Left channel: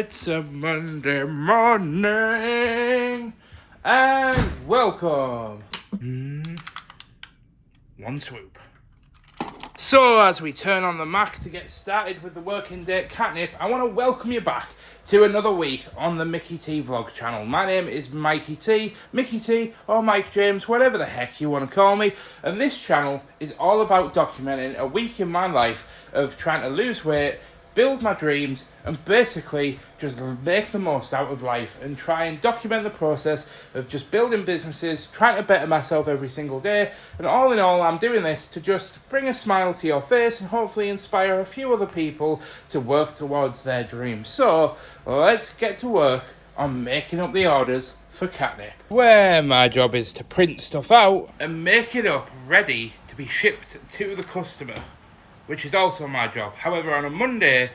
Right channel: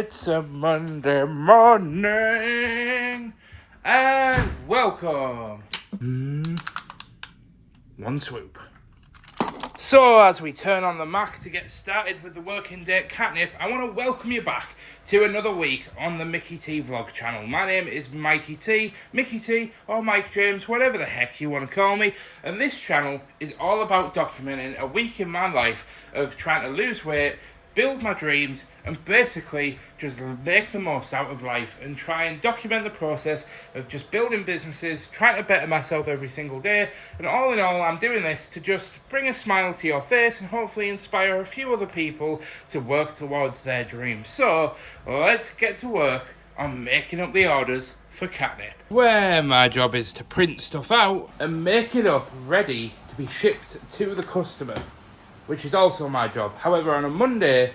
It's a Monday morning, and welcome. One swoop. So, as we turn on the Mac to get started with the working day at Katnipp, I want to welcome you back to another week on the Mickey T Vlog channel. My name is Mikey T, Mickey T, or Mike James, whatever the heck you want to call me. And this channel is all about documenting a week in my life of trying to lose weight, build my dreams, and basically just make the most out of life and try and document the process of just building businesses, trying to better myself every single day. And all in all, I'm doing this to just bring a smile to your face and hopefully inspire a few other people to work towards their dreams. So let's get to work on making up the orders for Katnipp, where my job is to print stuff out and make it up ready to be shipped to the customer, which is also my job. However, on a Monday,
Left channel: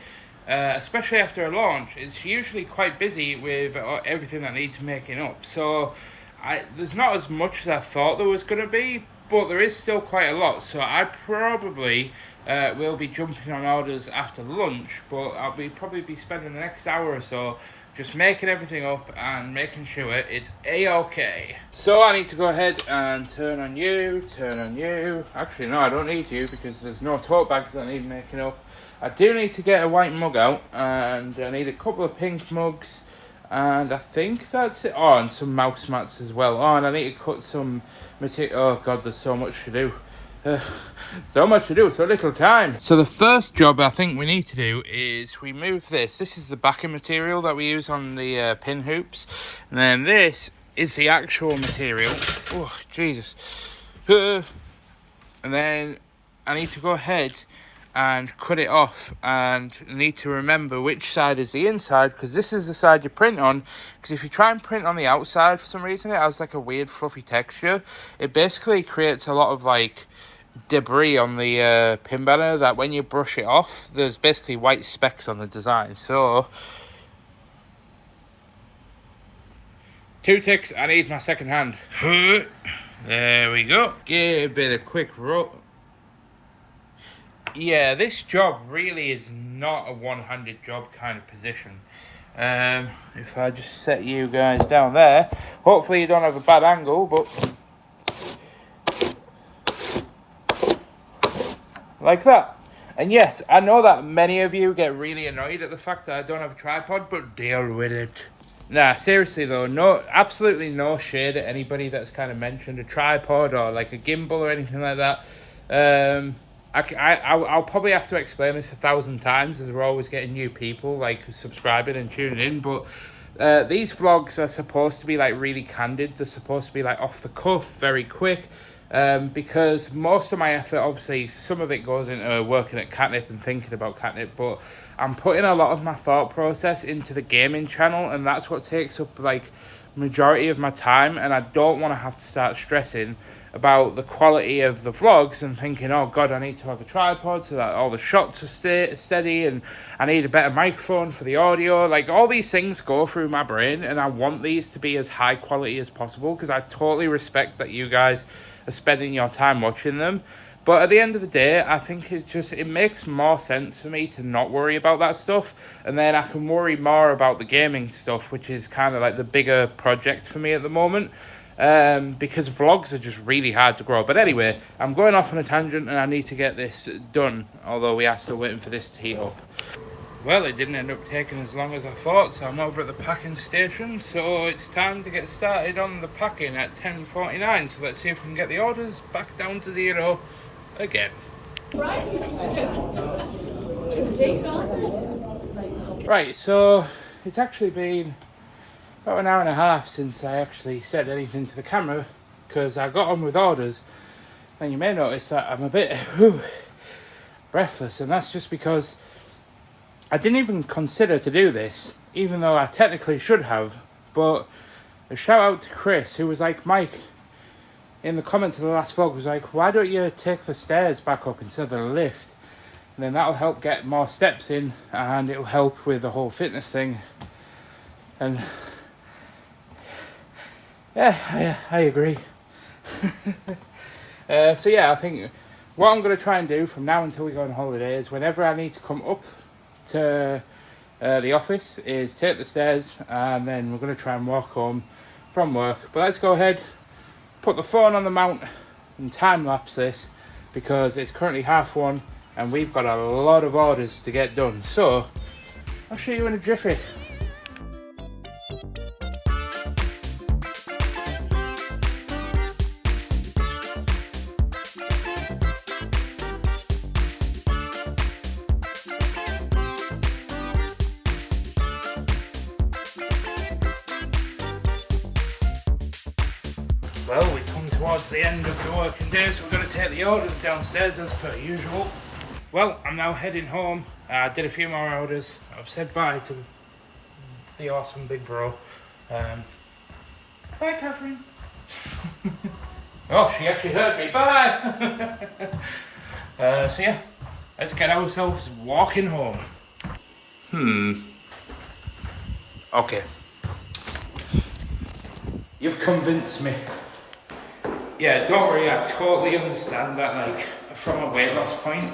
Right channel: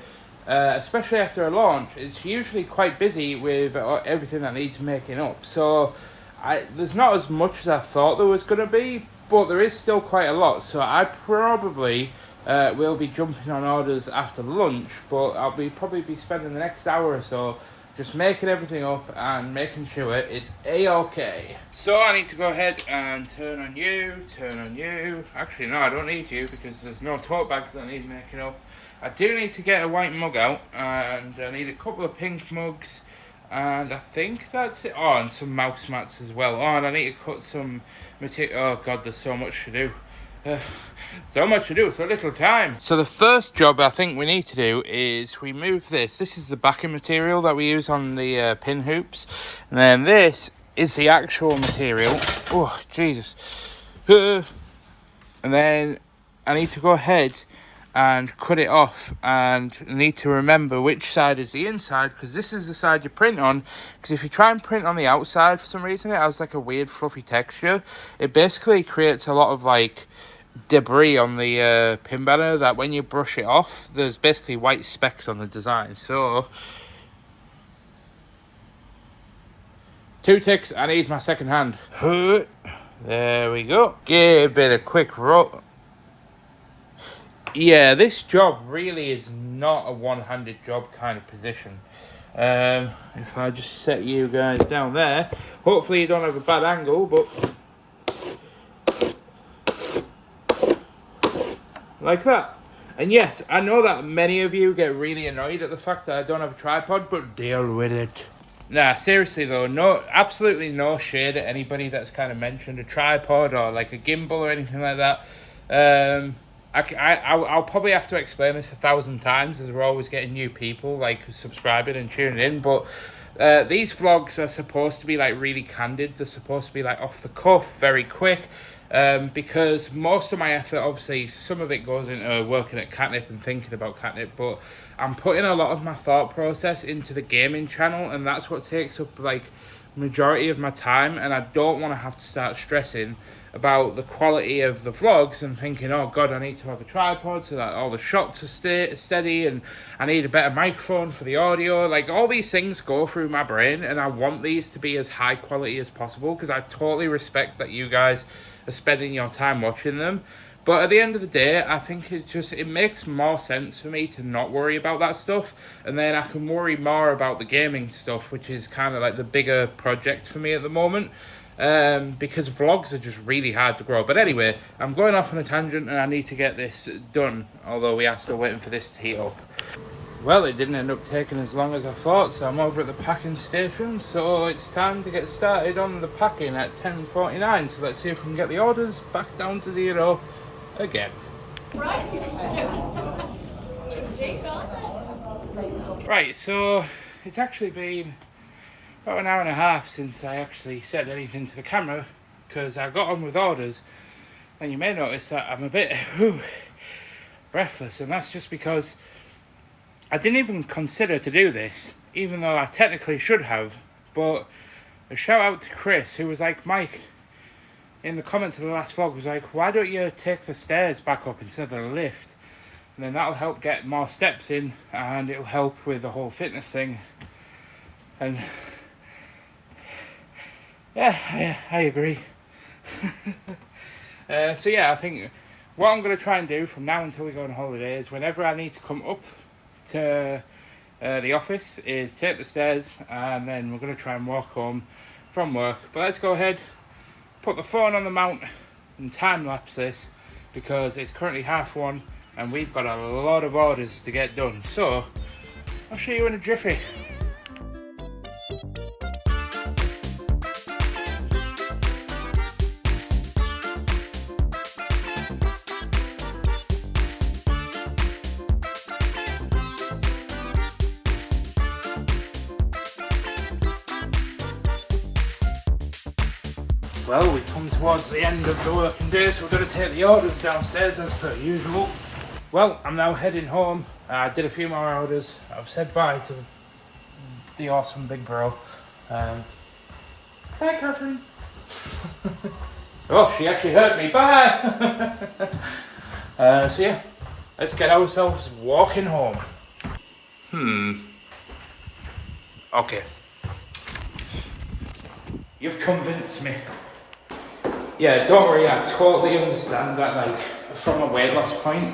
especially after a launch, it's usually quite busy with everything that needs making up. So there's not as much as I thought there was going to be, but there is still quite a lot. So I probably will be jumping on orders after lunch, but I'll probably be spending the next hour or so just making everything up and making sure it's A-OK. So I need to go ahead and turn on you. Actually, no, I don't need you because there's no tote bags that I need making up. I do need to get a white mug out, and I need a couple of pink mugs, and I think that's it. Oh, and some mouse mats as well. Oh, and I need to cut some material. Oh God, there's so much to do. So much to do, so little time. So the first job I think we need to do is we move this. This is the backing material that we use on the pin hoops. And then this is the actual material. Oh, Jesus. And then I need to go ahead and cut it off, and need to remember which side is the inside, because this is the side you print on. Because if you try and print on the outside for some reason, it has like a weird fluffy texture. It basically creates a lot of like debris on the pin banner that when you brush it off, there's basically white specks on the design. So 2 ticks, I need my second hand. There we go. Give it a quick roll. Yeah, this job really is not a one-handed job kind of position. If I just set you guys down there, hopefully you don't have a bad angle, but like that. And yes, I know that many of you get really annoyed at the fact that I don't have a tripod, but deal with it. Nah, seriously though, absolutely no shade at anybody that's kind of mentioned a tripod or like a gimbal or anything like that. I'll probably have to explain this 1,000 times, as we're always getting new people like subscribing and tuning in, but these vlogs are supposed to be like really candid. They're supposed to be like off the cuff, very quick, because most of my effort, obviously some of it goes into working at Katnipp and thinking about Katnipp, but I'm putting a lot of my thought process into the gaming channel, and that's what takes up like majority of my time. And I don't want to have to start stressing about the quality of the vlogs and thinking, oh God, I need to have a tripod so that all the shots are steady, and I need a better microphone for the audio. Like, all these things go through my brain, and I want these to be as high quality as possible, because I totally respect that you guys are spending your time watching them. But at the end of the day, I think it makes more sense for me to not worry about that stuff, and then I can worry more about the gaming stuff, which is kind of like the bigger project for me at the moment. Because vlogs are just really hard to grow. But anyway, I'm going off on a tangent, and I need to get this done, although we are still waiting for this to heat up. Well, it didn't end up taking as long as I thought, so I'm over at the packing station, so it's time to get started on the packing at 10:49. So let's see if we can get the orders back down to 0 again. Right, so it's actually been about an hour and a half since I actually said anything to the camera, because I got on with orders, and you may notice that I'm a bit breathless, and that's just because I didn't even consider to do this, even though I technically should have. But a shout out to Chris, who was like, Mike, in the comments of the last vlog, was like, why don't you take the stairs back up instead of the lift, and then that'll help get more steps in, and it'll help with the whole fitness thing. And yeah, I agree. So yeah, I think what I'm going to try and do from now until we go on holiday is whenever I need to come up to the office is take the stairs, and then we're going to try and walk home from work. But let's go ahead, put the phone on the mount and time lapse this, because it's currently 1:30 and we've got a lot of orders to get done. So I'll show you in a jiffy. Well, we come towards the end of the working day, so we're going to take the orders downstairs as per usual. Well, I'm now heading home. I did a few more orders. I've said bye to the awesome big bro. Bye, Catherine. Oh, she actually heard me. Bye. So yeah, let's get ourselves walking home. Okay. You've convinced me. Yeah, don't worry, I totally understand that, like, from a weight loss point,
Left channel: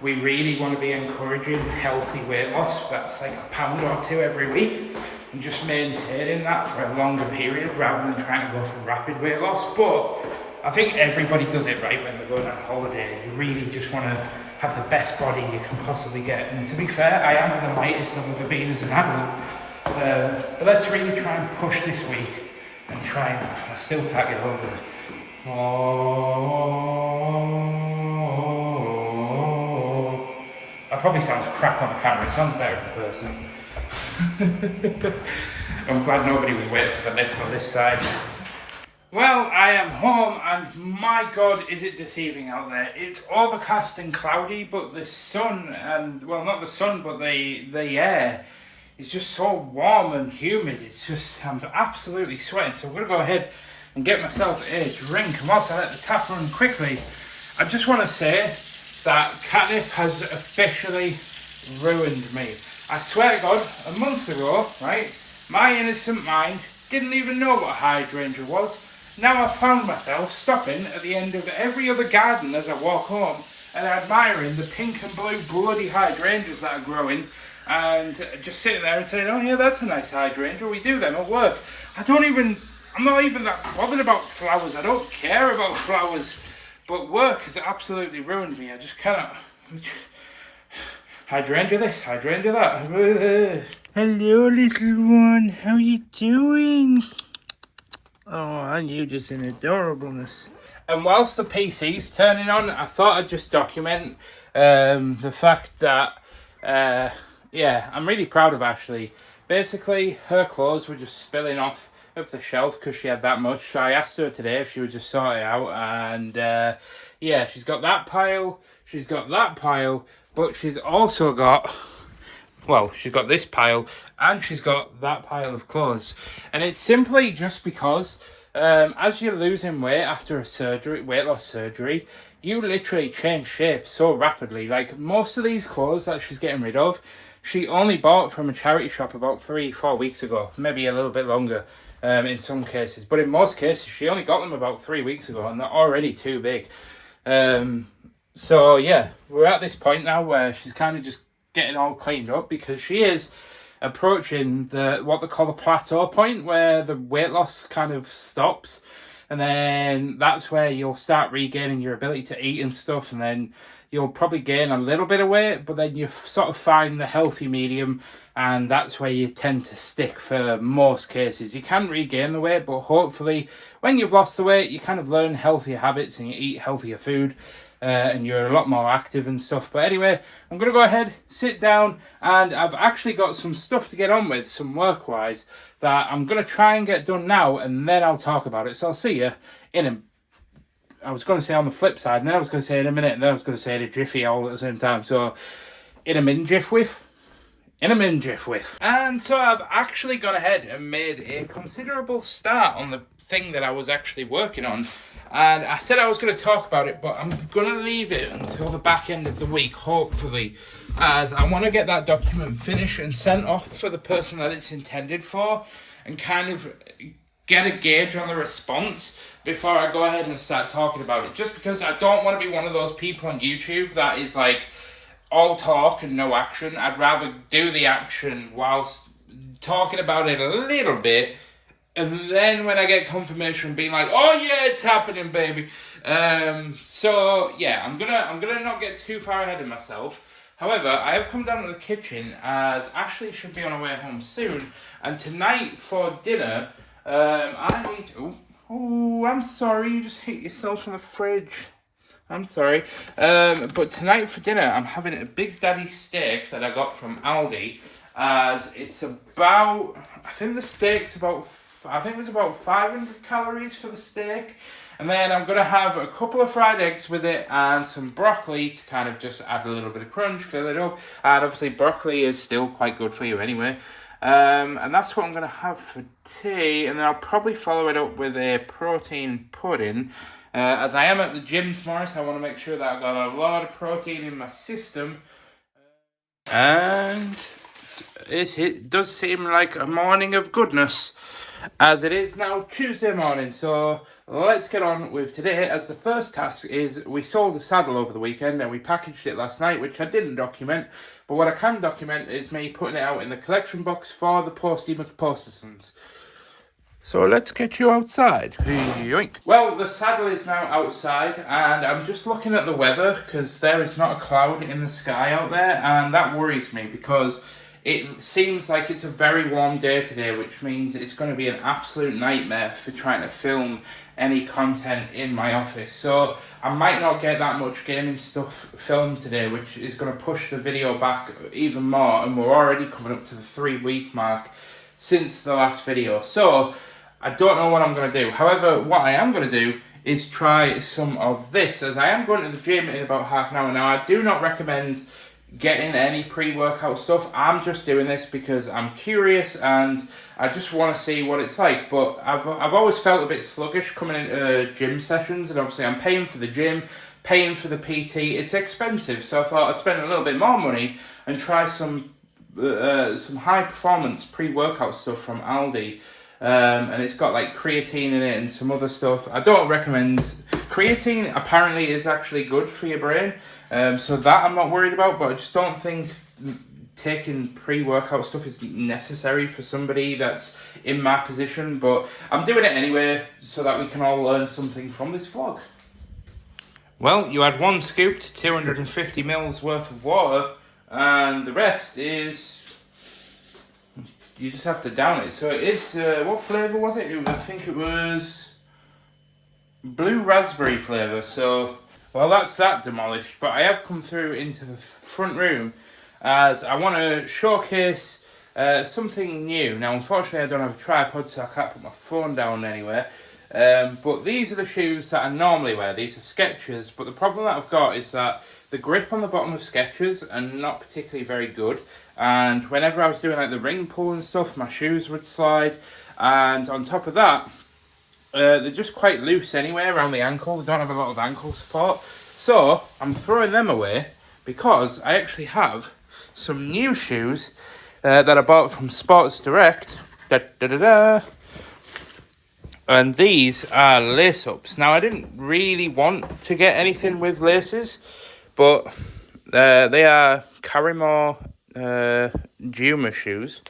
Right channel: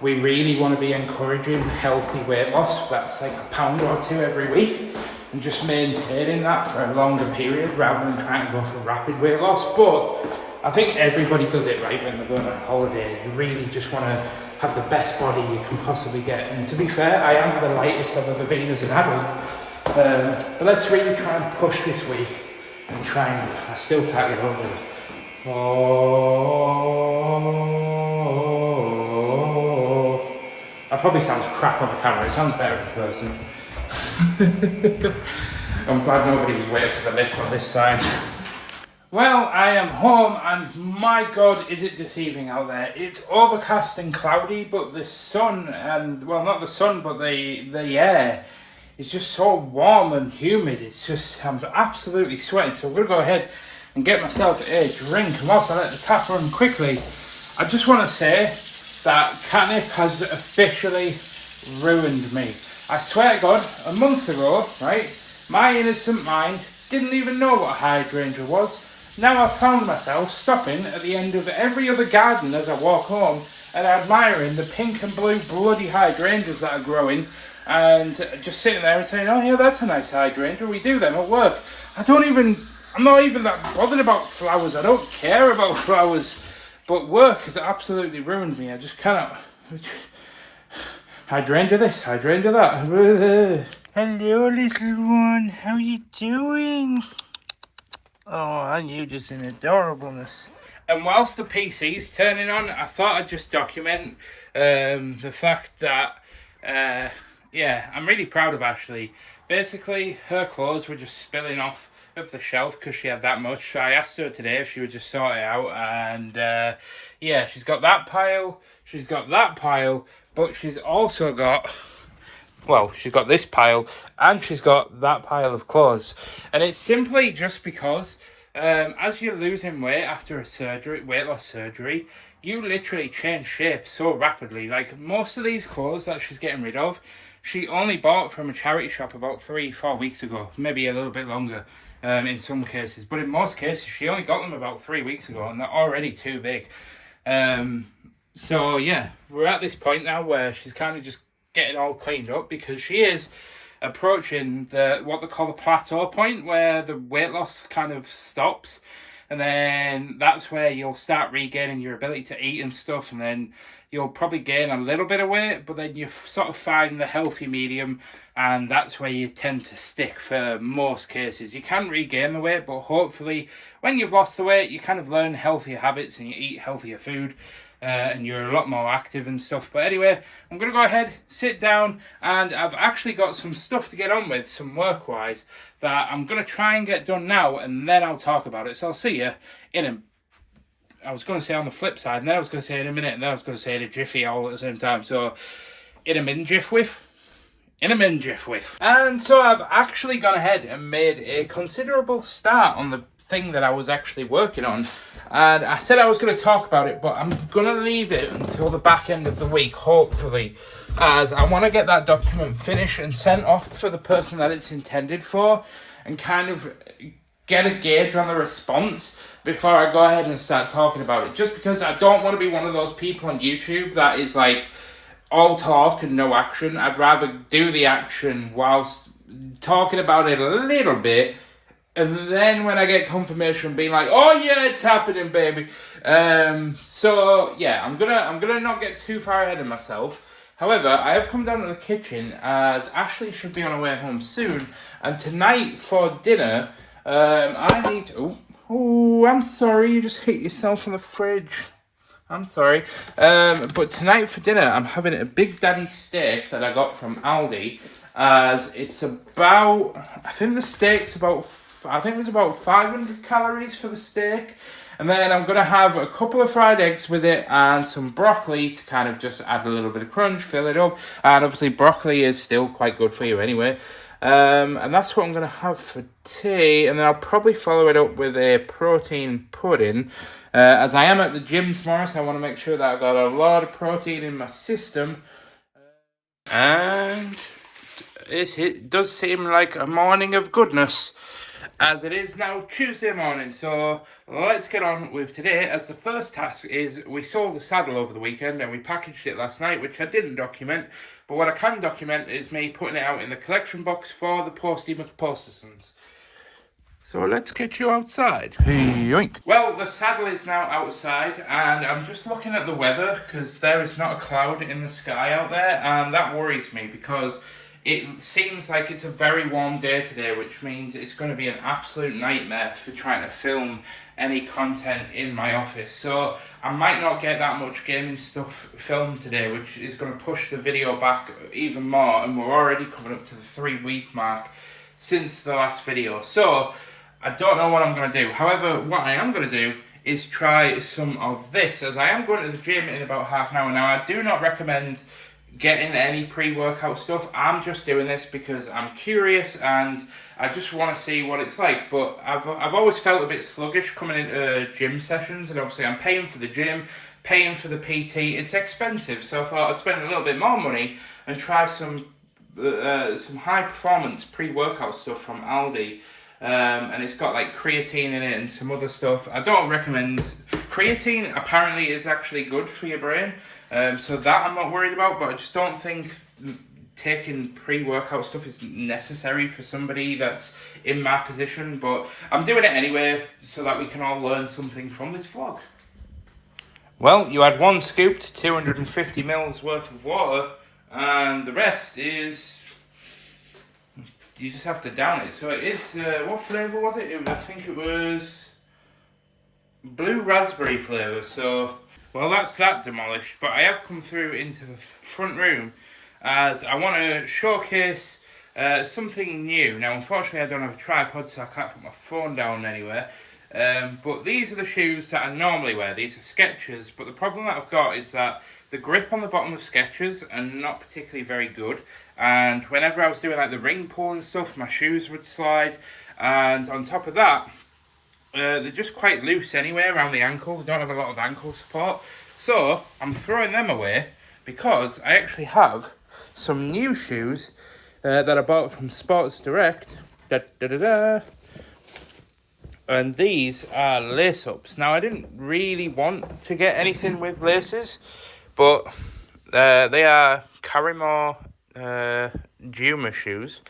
we really want to be encouraging healthy weight loss. That's like a pound or two every week, and just maintaining that for a longer period rather than trying to go for rapid weight loss. But I think everybody does it right when they're going on holiday. You really just want to have the best body you can possibly get. And to be fair, I am the lightest I've ever been as an adult. But let's really try and push this week and try and, I still can't get over it. Oh, that probably sounds crap on the camera. It sounds better in person. I'm glad nobody was waiting for the lift on this side. Well, I am home, and my God, is it deceiving out there. It's overcast and cloudy, but the sun, and, well, not the sun, but the air is just so warm and humid. It's just, I'm absolutely sweating. So I'm going to go ahead and get myself a drink. And whilst I let the tap run quickly, I just want to say that Katnipp has officially ruined me. I swear to God, a month ago, right, my innocent mind didn't even know what a hydrangea was. Now I've found myself stopping at the end of every other garden as I walk home and admiring the pink and blue bloody hydrangeas that are growing, and just sitting there and saying, oh yeah, that's a nice hydrangea, we do them at work. I'm not even that bothered about flowers. I don't care about flowers. But work has absolutely ruined me. I just cannot. Hydrangea this, hydrangea that. Hello, little one. How you doing? Oh, and you just in adorableness. And whilst the PC's turning on, I thought I'd just document the fact that, yeah, I'm really proud of Ashley. Basically, her clothes were just spilling off of the shelf because she had that much. So I asked her today if she would just sort it out, and yeah, she's got that pile, but she's also got, well, she's got this pile and she's got that pile of clothes. And it's simply just because as you're losing weight after a surgery, weight loss surgery, you literally change shape so rapidly. Like, most of these clothes that she's getting rid of, she only bought from a charity shop about 3-4 weeks ago, maybe a little bit longer. In some cases, but in most cases she only got them about 3 weeks ago, and they're already too big. So yeah, we're at this point now where she's kind of just getting all cleaned up, because she is approaching what they call the plateau point, where the weight loss kind of stops, and then that's where you'll start regaining your ability to eat and stuff, and then you'll probably gain a little bit of weight, but then you sort of find the healthy medium, and that's where you tend to stick for most cases. You can regain the weight, but hopefully when you've lost the weight, you kind of learn healthier habits and you eat healthier food, and you're a lot more active and stuff. But anyway, I'm going to go ahead, sit down, and I've actually got some stuff to get on with, some work-wise, that I'm going to try and get done now, and then I'll talk about it. So I'll see you in a... I was going to say on the flip side, and then I was going to say in a minute, and then I was going to say in a jiffy all at the same time. So, in a min jiff with. And so I've actually gone ahead and made a considerable start on the thing that I was actually working on. And I said I was going to talk about it, but I'm going to leave it until the back end of the week, hopefully, as I want to get that document finished and sent off for the person that it's intended for, and kind of get a gauge on the response before I go ahead and start talking about it. Just because I don't want to be one of those people on YouTube that is like all talk and no action. I'd rather do the action whilst talking about it a little bit, and then when I get confirmation, being like, "Oh yeah, it's happening, baby." So yeah, I'm gonna not get too far ahead of myself. However, I have come down to the kitchen as Ashley should be on her way home soon, and tonight for dinner, I need. Oh, I'm sorry, you just hit yourself on the fridge. I'm sorry. But tonight for dinner, I'm having a Big Daddy steak that I got from Aldi. As it's about, I think it was about 500 calories for the steak. And then I'm going to have a couple of fried eggs with it and some broccoli to kind of just add a little bit of crunch, fill it up. And obviously broccoli is still quite good for you anyway. And that's what I'm going to have for tea. And then I'll probably follow it up with a protein pudding. As I am at the gym tomorrow, so I want to make sure that I've got a lot of protein in my system. And it does seem like a morning of goodness, as it is now Tuesday morning. So let's get on with today, as the first task is we sold the saddle over the weekend and we packaged it last night, which I didn't document. But what I can document is me putting it out in the collection box for the Posty McPostersons. So let's get you outside. Yoink. Well, the saddle is now outside and I'm just looking at the weather because there is not a cloud in the sky out there, and that worries me because it seems like it's a very warm day today, which means it's going to be an absolute nightmare for trying to film any content in my office. So I might not get that much gaming stuff filmed today, which is going to push the video back even more, and we're already coming up to the 3-week mark since the last video. So I don't know what I'm going to do. However, what I am going to do is try some of this, as I am going to the gym in about half an hour. Now, I do not recommend getting any pre-workout stuff. I'm just doing this because I'm curious and I just want to see what it's like. But I've always felt a bit sluggish coming into gym sessions, and obviously I'm paying for the gym, paying for the PT. It's expensive, so I thought I'd spend a little bit more money and try some high performance pre-workout stuff from Aldi. And it's got like creatine in it and some other stuff. I don't recommend creatine. Apparently is actually good for your brain, so that I'm not worried about. But I just don't think taking pre-workout stuff is necessary for somebody that's in my position. But I'm doing it anyway so that we can all learn something from this vlog. Well, you had 1 scoop to 250 mils worth of water, and the rest is, you just have to down it. So it is, what flavour was it? I think it was blue raspberry flavour. So, well, that's that demolished. But I have come through into the front room as I want to showcase something new. Now, unfortunately, I don't have a tripod, so I can't put my phone down anywhere. But these are the shoes that I normally wear. These are Skechers. But the problem that I've got is that the grip on the bottom of Skechers are not particularly very good. And whenever I was doing like the ring pull and stuff, my shoes would slide. And on top of that, they're just quite loose anyway around the ankle. They don't have a lot of ankle support. So I'm throwing them away because I actually have some new shoes that I bought from Sports Direct. And these are lace-ups. Now, I didn't really want to get anything with laces, but they are Carrymore Juma shoes.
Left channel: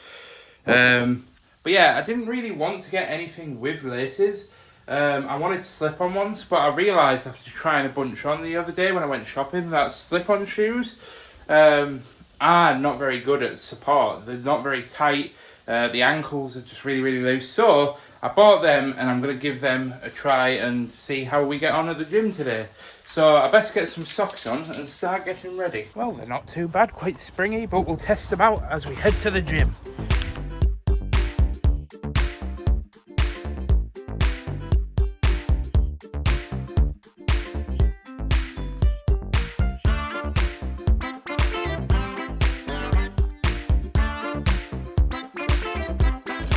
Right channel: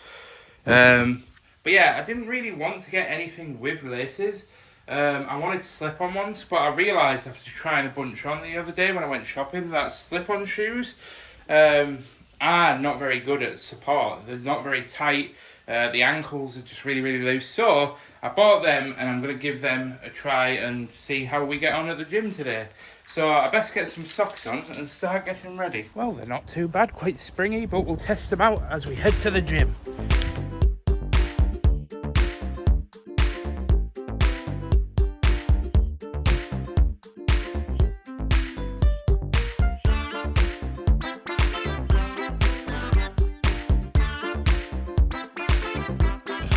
But yeah, I didn't really want to get anything with laces. I wanted slip-on ones, but I realised after trying a bunch on the other day when I went shopping that slip-on shoes are not very good at support. They're not very tight. The ankles are just really, really loose. So I bought them and I'm going to give them a try and see how we get on at the gym today. So I best get some socks on and start getting ready. Well, they're not too bad, quite springy, but we'll test them out as we head to the gym.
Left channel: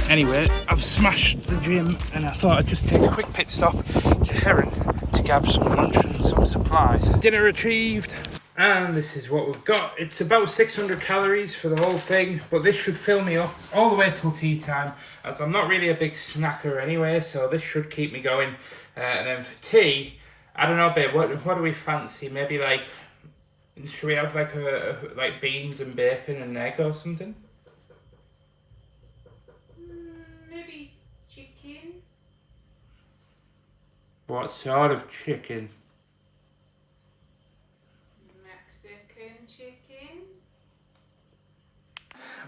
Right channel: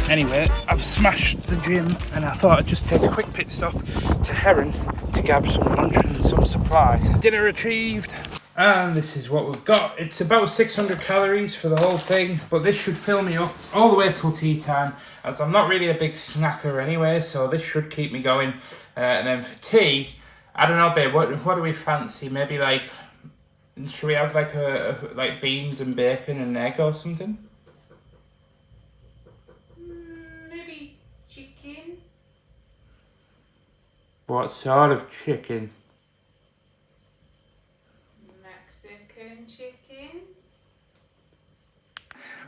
Anyway, I've smashed the gym and I thought I'd just take a quick pit stop to Heron to grab some lunch and some supplies. Dinner achieved, and this is what we've got. It's about 600 calories for the whole thing, but this should fill me up all the way till tea time, as I'm not really a big snacker anyway, so this should keep me going. And then for tea, I don't know, babe, what do we fancy? Maybe like Should we have like beans and bacon and egg or something? Maybe chicken. What sort of chicken? Mexican chicken.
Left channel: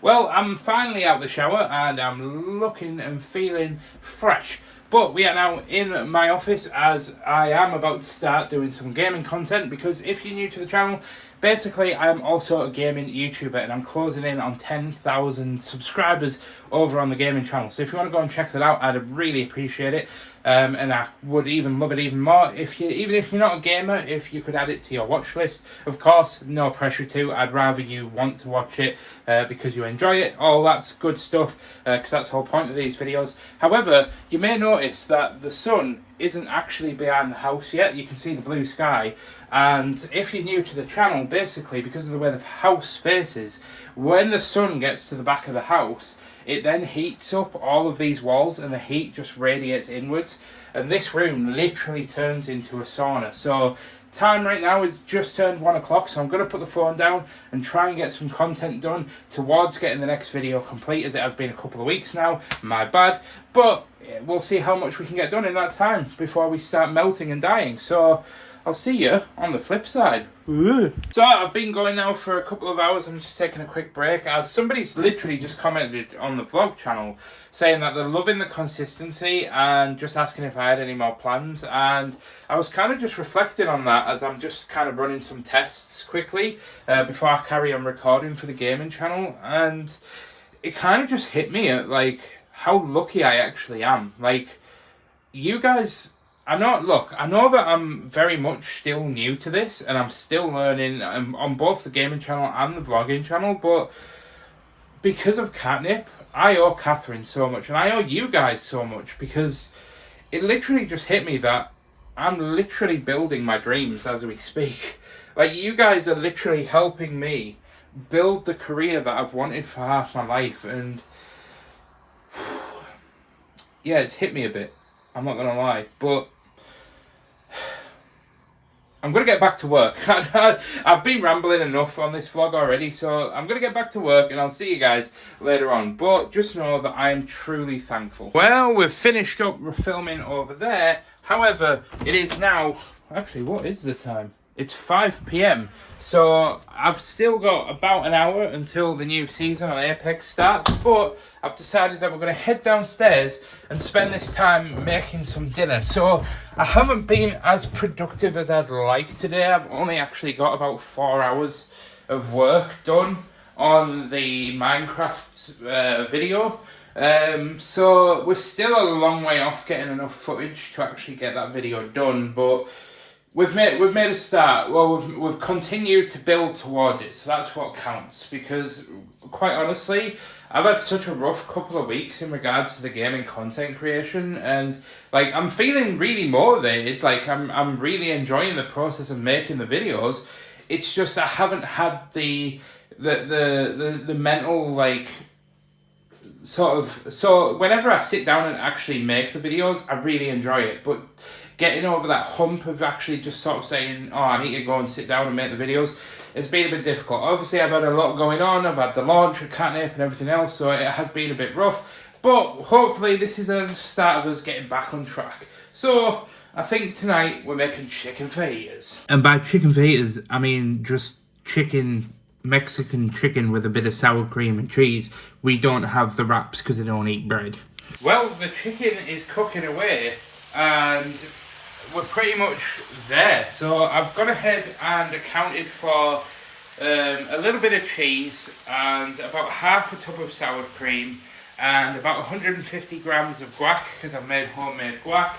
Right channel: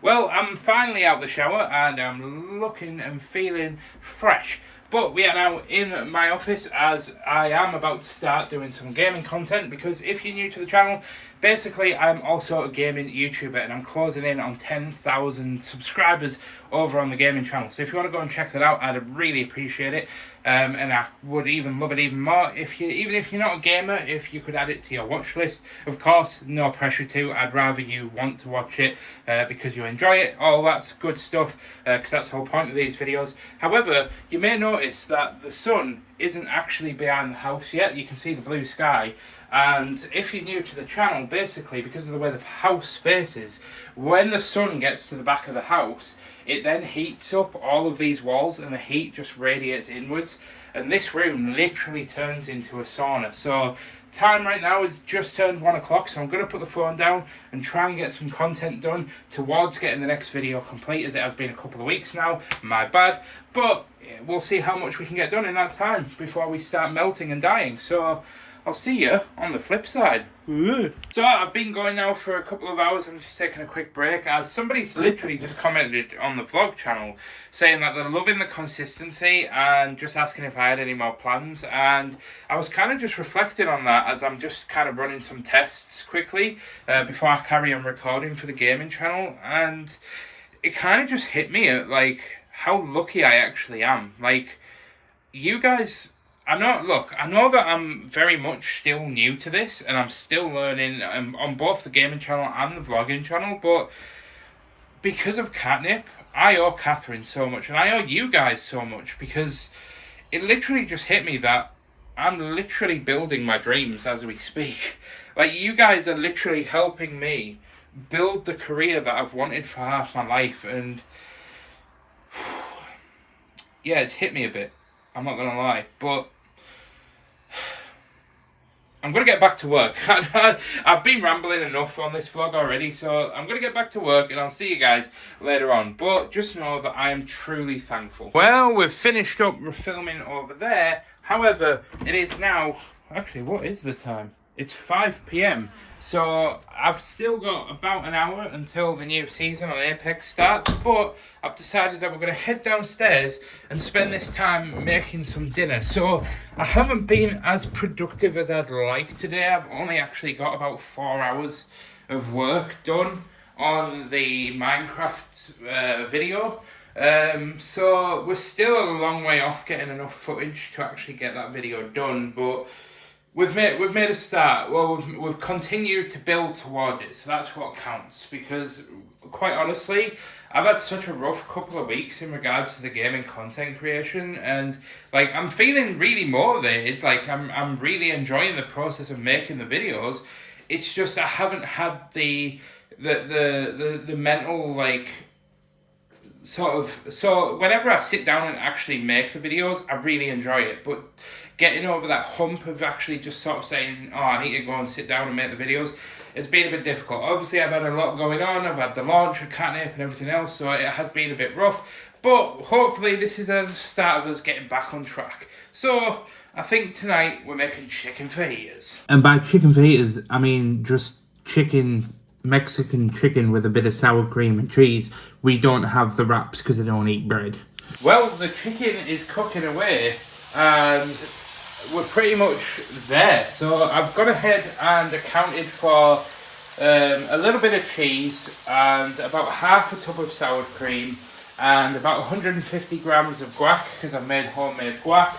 Well, I'm finally out of the shower and I'm looking and feeling fresh. But we are now in my office as I am about to start doing some gaming content, because if you're new to the channel, basically I'm also a gaming YouTuber and I'm closing in on 10,000 subscribers over on the gaming channel. So if you want to go and check that out, I'd really appreciate it. And I would even love it even more if even if you're not a gamer, if you could add it to your watch list. Of course, no pressure to. I'd rather you want to watch it because you enjoy it. All that's good stuff, because that's the whole point of these videos. However, you may notice that the sun isn't actually behind the house yet. You can see the blue sky. And if you're new to the channel, basically, because of the way the house faces, when the sun gets to the back of the house, it then heats up all of these walls and the heat just radiates inwards. And this room literally turns into a sauna. So time right now is just turned 1 o'clock, so I'm going to put the phone down and try and get some content done towards getting the next video complete, as it has been a couple of weeks now. My bad. But we'll see how much we can get done in that time before we start melting and dying. So I'll see you on the flip side. Ooh. So I've been going now for a couple of hours. I'm just taking a quick break, as somebody's literally just commented on the vlog channel saying that they're loving the consistency and just asking if I had any more plans. And I was kind of just reflecting on that as I'm just kind of running some tests quickly before I carry on recording for the gaming channel. And it kind of just hit me at like how lucky I actually am. Like, you guys, I know that I'm very much still new to this and I'm still learning on both the gaming channel and the vlogging channel, but because of Katnipp, I owe Catherine so much and I owe you guys so much, because it literally just hit me that I'm literally building my dreams as we speak. Like, you guys are literally helping me build the career that I've wanted for half my life, and yeah, it's hit me a bit. I'm not gonna lie, but I'm going to get back to work. I've been rambling enough on this vlog already, so I'm going to get back to work and I'll see you guys later on. But just know that I am truly thankful. Well, we've finished up filming over there. However, it is now... Actually, what is the time? It's 5 p.m. So I've still got about an hour until the new season on Apex starts, but I've decided that we're going to head downstairs and spend this time making some dinner. So I haven't been as productive as I'd like today. I've only actually got about 4 hours of work done on the Minecraft video. So we're still a long way off getting enough footage to actually get that video done, but we've made a start. Well, we've continued to build towards it, so that's what counts. Because quite honestly, I've had such a rough couple of weeks in regards to the gaming content creation, and like I'm feeling really motivated. Like I'm really enjoying the process of making the videos. It's just I haven't had the mental like sort of. So whenever I sit down and actually make the videos, I really enjoy it, but getting over that hump of actually just sort of saying, oh, I need to go and sit down and make the videos, it's been a bit difficult. Obviously, I've had a lot going on. I've had the launch of Katnipp and everything else, so it has been a bit rough. But hopefully this is a start of us getting back on track. So I think tonight we're making chicken fajitas. And by chicken fajitas, I mean just chicken, Mexican chicken with a bit of sour cream and cheese. We don't have the wraps because I don't eat bread. Well, the chicken is cooking away and we're pretty much there. So I've gone ahead and accounted for a little bit of cheese and about half a tub of sour cream and about 150 grams of guac, because I've made homemade guac.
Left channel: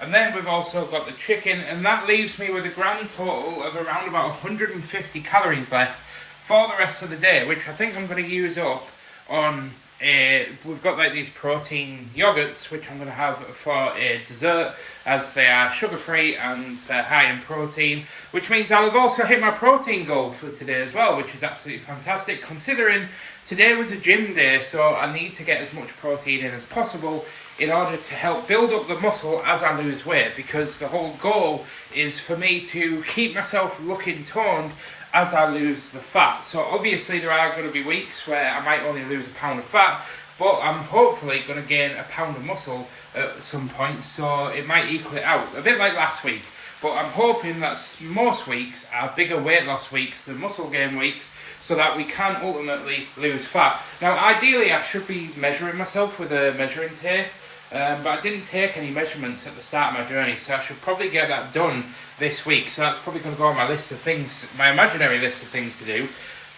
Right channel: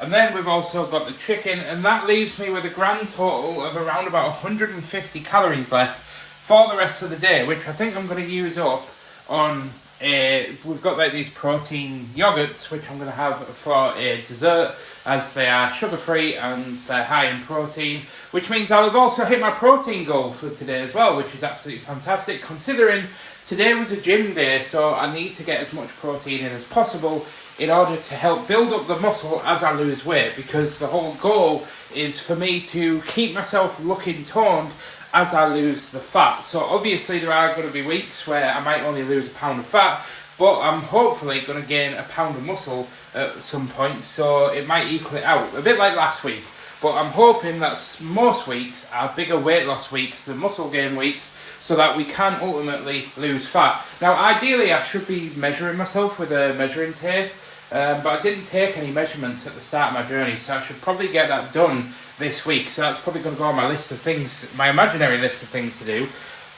And then we've also got the chicken, and that leaves me with a grand total of around about 150 calories left for the rest of the day, which I think I'm going to use up on we've got like these protein yogurts, which I'm going to have for a dessert, as they are sugar-free and they're high in protein, which means I'll have also hit my protein goal for today as well, which is absolutely fantastic, considering today was a gym day, so I need to get as much protein in as possible in order to help build up the muscle as I lose weight, because the whole goal is for me to keep myself looking toned as I lose the fat. So obviously there are going to be weeks where I might only lose a pound of fat, but I'm hopefully going to gain a pound of muscle at some point, so it might equal it out. A bit like last week. But I'm hoping that most weeks are bigger weight loss weeks than muscle gain weeks, so that we can ultimately lose fat. Now, ideally, I should be measuring myself with a measuring tape, but I didn't take any measurements at the start of my journey, so I should probably get that done this week. So that's probably going to go on my list of things, my imaginary list of things to do.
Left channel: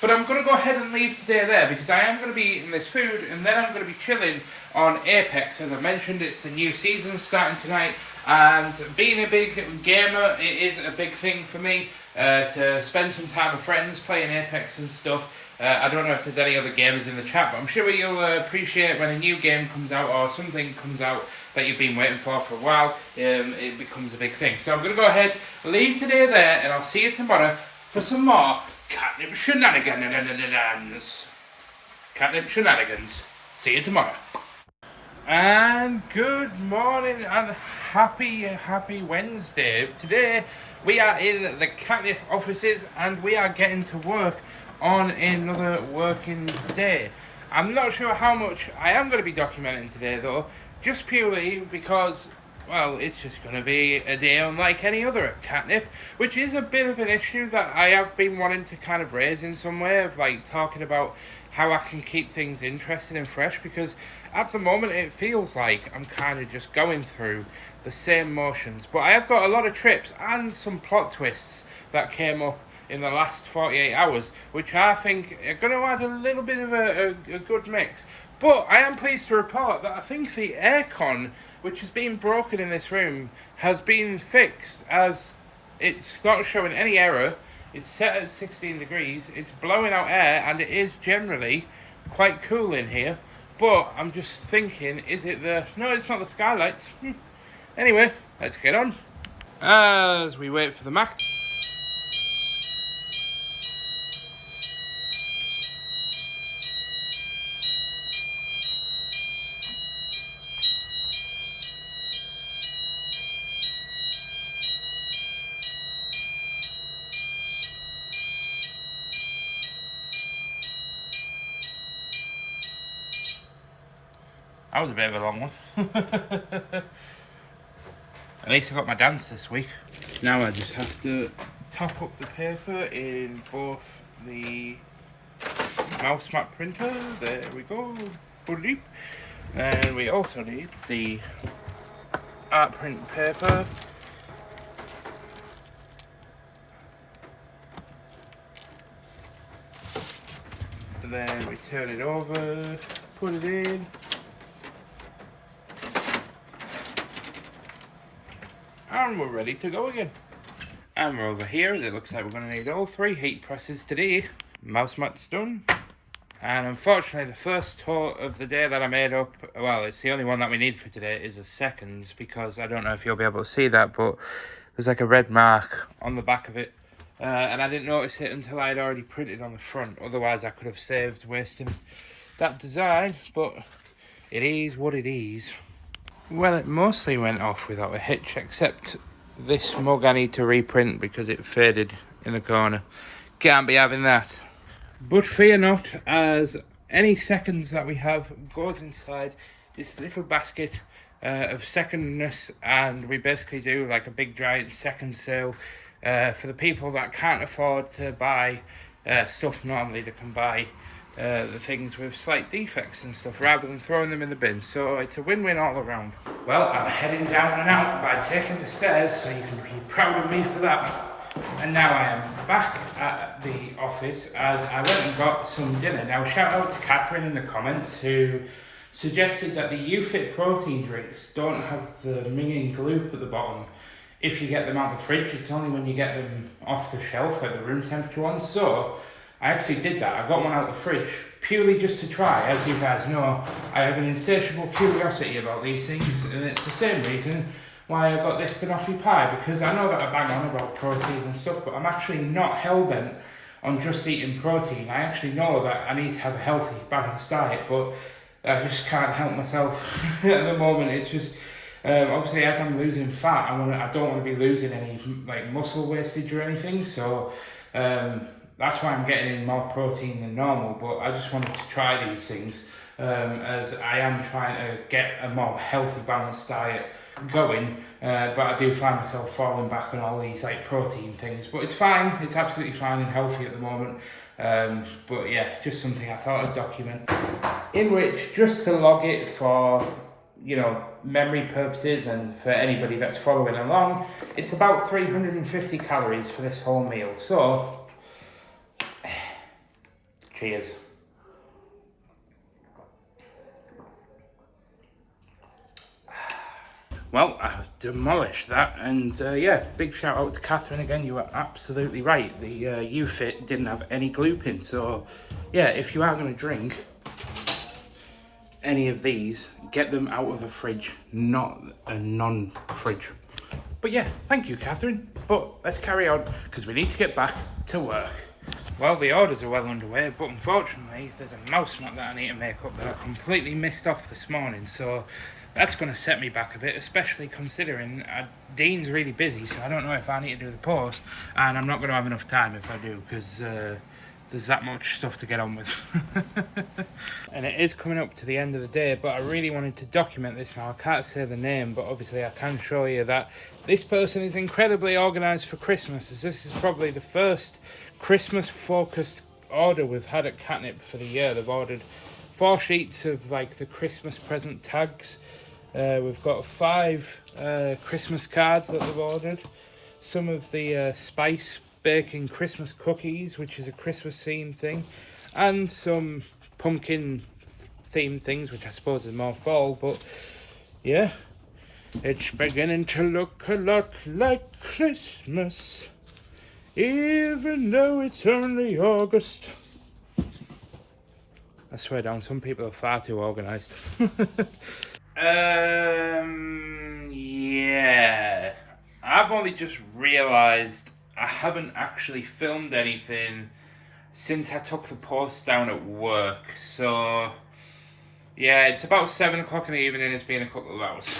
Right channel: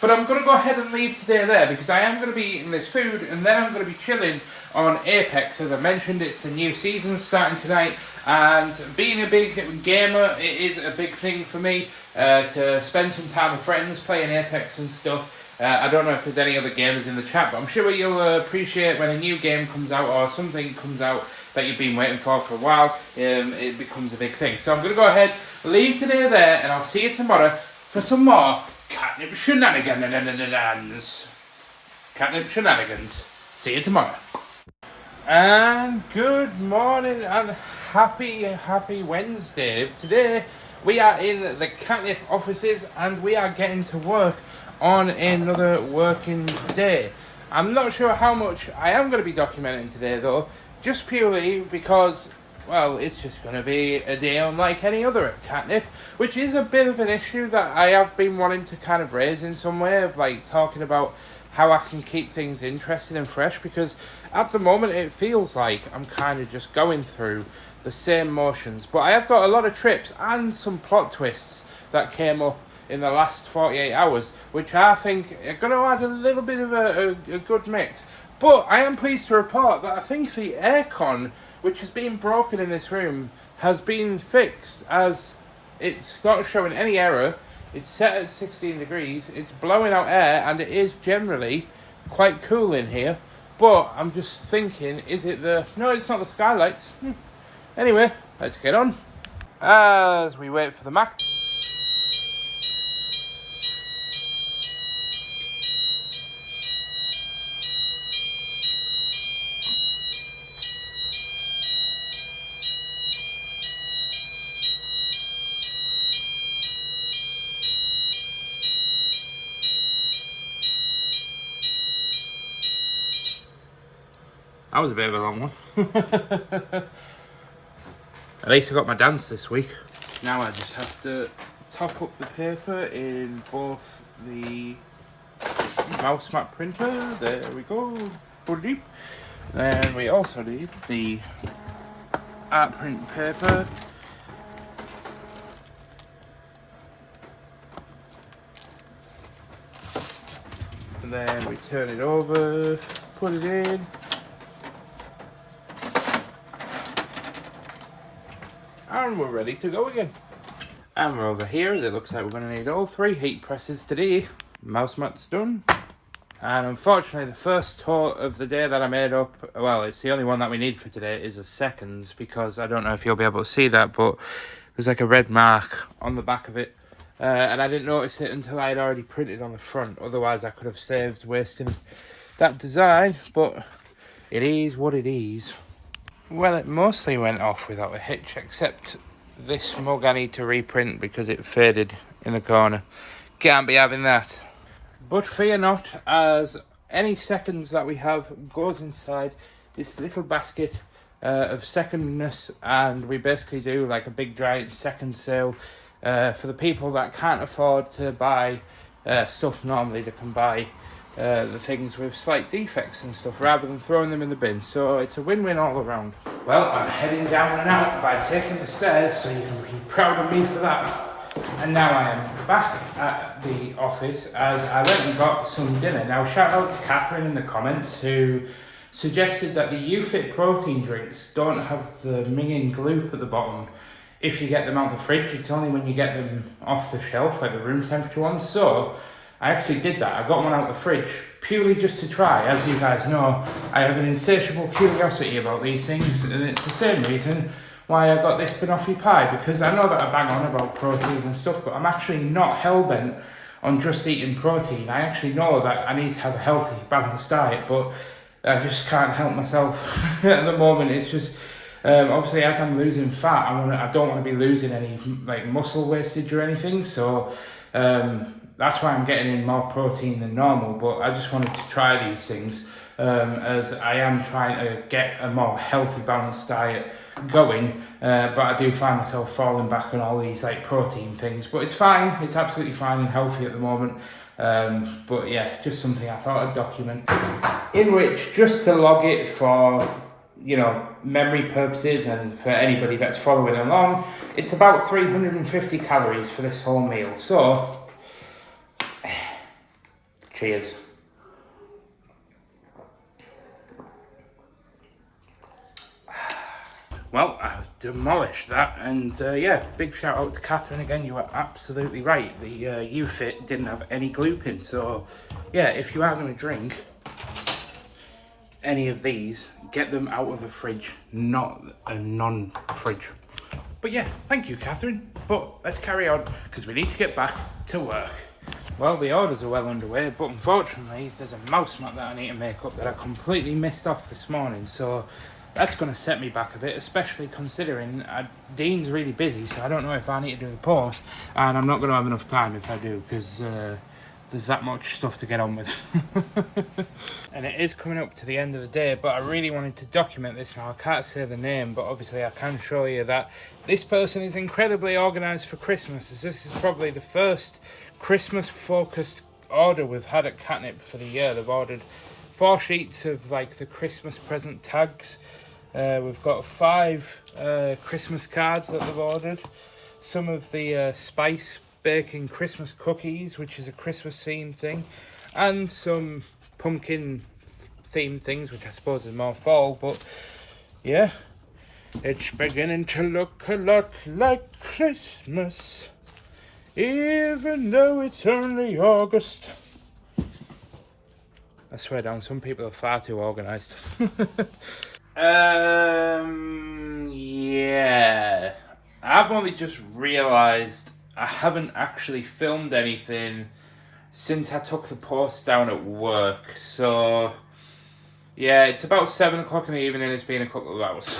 But I'm going to go ahead and leave today there, because I am going to be eating this food, and then I'm going to be chilling on Apex. As I mentioned, it's the new season starting tonight, and being a big gamer, it is a big thing for me to spend some time with friends playing Apex and stuff. I don't know if there's any other gamers in the chat, but I'm sure you'll appreciate when a new game comes out or something comes out that you've been waiting for a while. It becomes a big thing. So I'm going to go ahead, leave today there, and I'll see you tomorrow for some more Katnipp shenanigans. Katnipp shenanigans. See you tomorrow. And good morning and happy Wednesday. Today we are in the Katnipp offices and we are getting to work on another working day. I'm not sure how much I am going to be documenting today though, just purely because, well, it's just going to be a day unlike any other at Katnipp, which is a bit of an issue that I have been wanting to kind of raise in some way, of like talking about how I can keep things interesting and fresh, because at the moment it feels like I'm kind of just going through the same motions. But I have got a lot of trips and some plot twists that came up in the last 48 hours, which I think are going to add a little bit of a good mix. But I am pleased to report that I think the aircon, which has been broken in this room, has been fixed, as it's not showing any error. It's set at 16 degrees, it's blowing out air, and it is generally quite cool in here. But I'm just thinking, is it the... No, it's not the skylights. Anyway, let's get on. As we wait for the Mac. That was a bit of a long one. At least I got my dance this week. Now I just have to top up the paper in both the mouse mat printer. There we go. Then we also need the art print paper. And then we turn it over, put it in. And we're ready to go again. And we're over here, as it looks like we're going to need all 3 heat presses today. Mouse mat's done. And unfortunately, the first tour of the day that I made up, well, it's the only one that we need for today, is a seconds, because I don't know if you'll be able to see that, but there's like a red mark on the back of it. And I didn't notice it until I had already printed on the front. Otherwise, I could have saved wasting that design, but it is what it is. Well, it mostly went off without a hitch, except this mug I need to reprint because it faded in the corner. Can't be having that. But fear not, as any seconds that we have goes inside this little basket of secondness, and we basically do like a big giant second sale for the people that can't afford to buy stuff normally. They can buy the things with slight defects and stuff rather than throwing them in the bin. So it's a win-win all around. Well, I'm heading down and out by taking the stairs, so you can be proud of me for that. And now I am back at the office as I went and got some dinner. Now shout out to Catherine in the comments who suggested that the UFit protein drinks don't have the minging gloop at the bottom if you get them out of the fridge. It's only when you get them off the shelf, like the room temperature ones. So I actually did that. I got one out of the fridge purely just to try. As you guys know, I have an insatiable curiosity about these things, and it's the same reason why I got this banoffee pie, because I know that I bang on about protein and stuff, but I'm actually not hell-bent on just eating protein. I actually know that I need to have a healthy, balanced diet, but I just can't help myself at the moment. It's just, obviously as I'm losing fat, I don't want to be losing any like muscle wastage or anything, so that's why I'm getting in more protein than normal. But I just wanted to try these things as I am trying to get a more healthy, balanced diet going. But I do find myself falling back on all these like protein things. But it's fine. It's absolutely fine and healthy at the moment. But yeah, just something I thought I'd document. In which, just to log it for, you know, memory purposes and for anybody that's following along, it's about 350 calories for this whole meal. So, cheers. Well, I've demolished that, and yeah, big shout out to Catherine again. You were absolutely right. The UFit didn't have any gluten, so yeah, if you are going to drink any of these, get them out of the fridge, not a non-fridge. But yeah, thank you, Catherine. But let's carry on, because we need to get back to work. Well, the orders are well underway, but unfortunately, there's a mouse mat that I need to make up that I completely missed off this morning, so that's going to set me back a bit, especially considering Dean's really busy, so I don't know if I need to do the post, and I'm not going to have enough time if I do, because there's that much stuff to get on with. And it is coming up to the end of the day, but I really wanted to document this now. I can't say the name, but obviously I can show you that this person is incredibly organised for Christmas, as this is probably the first Christmas-focused order we've had at Katnipp for the year. They've ordered 4 sheets of like the Christmas present tags. We've got 5 Christmas cards that they've ordered. Some of the spice baking Christmas cookies, which is a Christmas themed thing, and some pumpkin themed things, which I suppose is more fall. But yeah, it's beginning to look a lot like Christmas, even though it's only August. I swear down, some people are far too organised. Yeah. I've only just realised I haven't actually filmed anything since I took the post down at work. So, yeah, it's about 7 o'clock in the evening. It's been a couple of hours.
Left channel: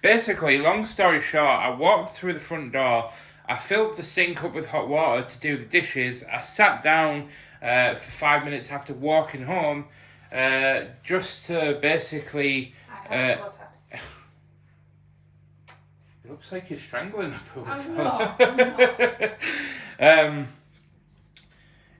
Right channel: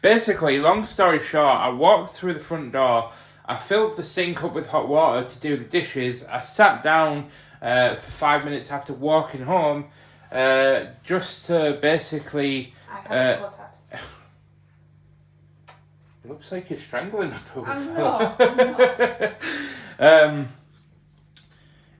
Basically, long story short, I walked through the front door. I filled the sink up with hot water to do the dishes. I sat down for 5 minutes after walking home, just to basically. It looks like you're strangling the poor fella.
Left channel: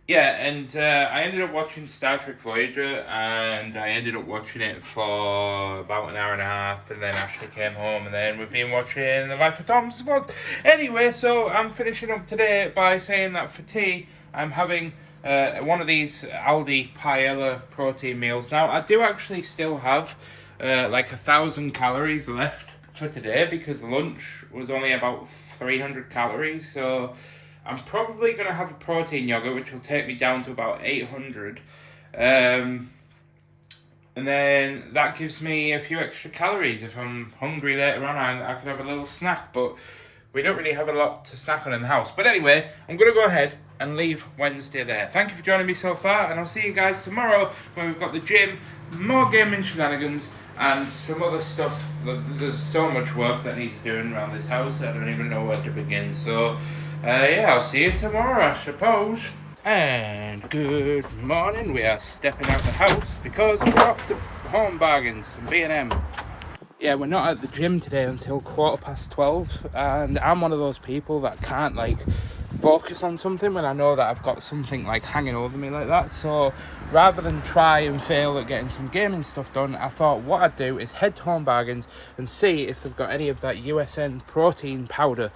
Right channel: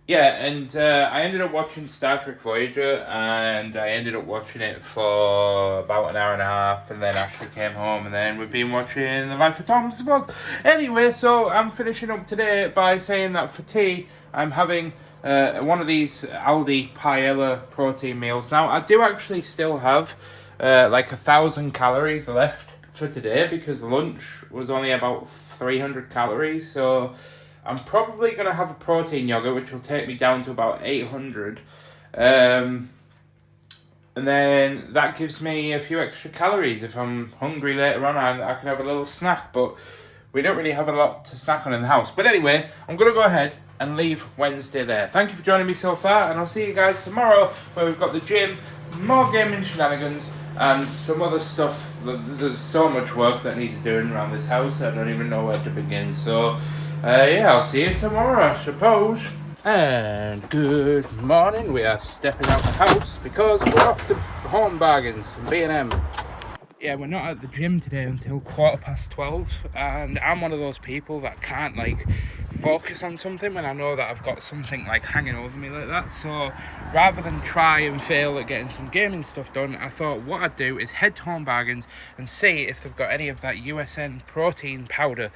Yeah, and I ended up watching Star Trek Voyager, and I ended up watching it for about an hour and a half, and then Ashley came home, and then we've been watching The Life of Tom's vlog. Anyway, so I'm finishing up today by saying that for tea, I'm having one of these Aldi paella protein meals. Now, I do actually still have like 1,000 calories left for today, because lunch was only about 300 calories, so I'm probably going to have a protein yogurt, which will take me down to about 800, and then that gives me a few extra calories. If I'm hungry later on, I can have a little snack, but we don't really have a lot to snack on in the house. But anyway, I'm going to go ahead and leave Wednesday there. Thank you for joining me so far, and I'll see you guys tomorrow, where we've got the gym, more gaming shenanigans, and some other stuff. There's so much work that needs doing around this house, I don't even know where to begin. So, yeah, I'll see you tomorrow, I suppose. And good morning. We are stepping out the house because we're off to Home Bargains from B&M. Yeah, we're not at the gym today until 12:15, and I'm one of those people that can't like focus on something when I know that I've got something like hanging over me like that. So rather than try and fail at getting some gaming stuff done, I thought what I'd do is head to Home Bargains and see if they've got any of that USN protein powder,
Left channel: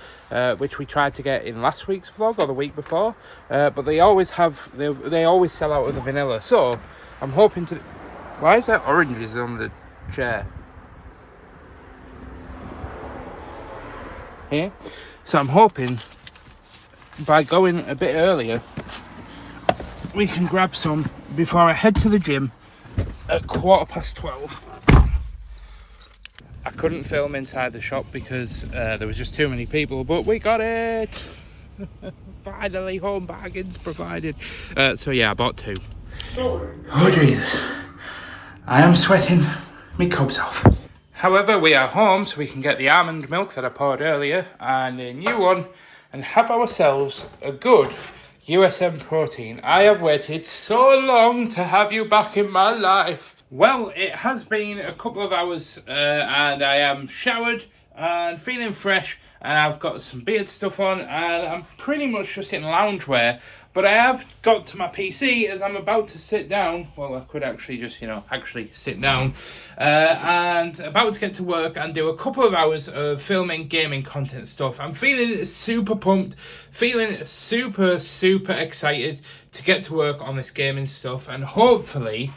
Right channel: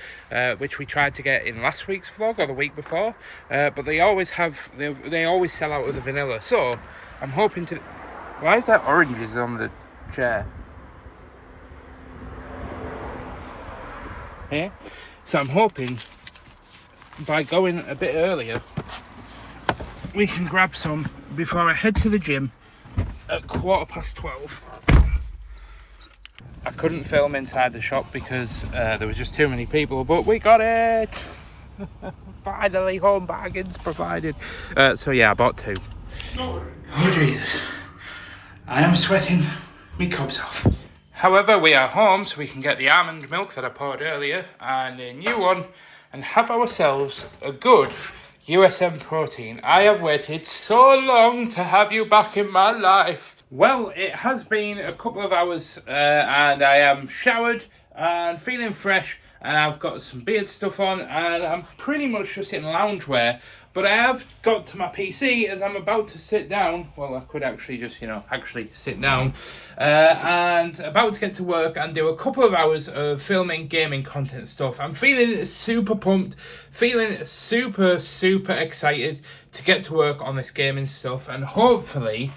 which we tried to get in last week's vlog or the week before, but they always have, they always sell out of the vanilla. So I'm hoping to. Why is that oranges on the chair? Here, so I'm hoping by going a bit earlier we can grab some before I head to the gym at 12:15. I couldn't film inside the shop because there was just too many people, but we got it. Finally, Home Bargains provided. So yeah, I bought 2. Oh Jesus, I am sweating me cobs off. However, we are home, so we can get the almond milk that I poured earlier and a new one, and have ourselves a good USM Protein, I have waited so long to have you back in my life. Well, it has been a couple of hours and I am showered and feeling fresh, and I've got some beard stuff on and I'm pretty much just in loungewear. But I have got to my PC as I'm about to sit down. Well, I could actually just, actually sit down. And about to get to work and do a couple of hours of filming gaming content stuff. I'm feeling super pumped, feeling super, super excited to get to work on this gaming stuff. And hopefully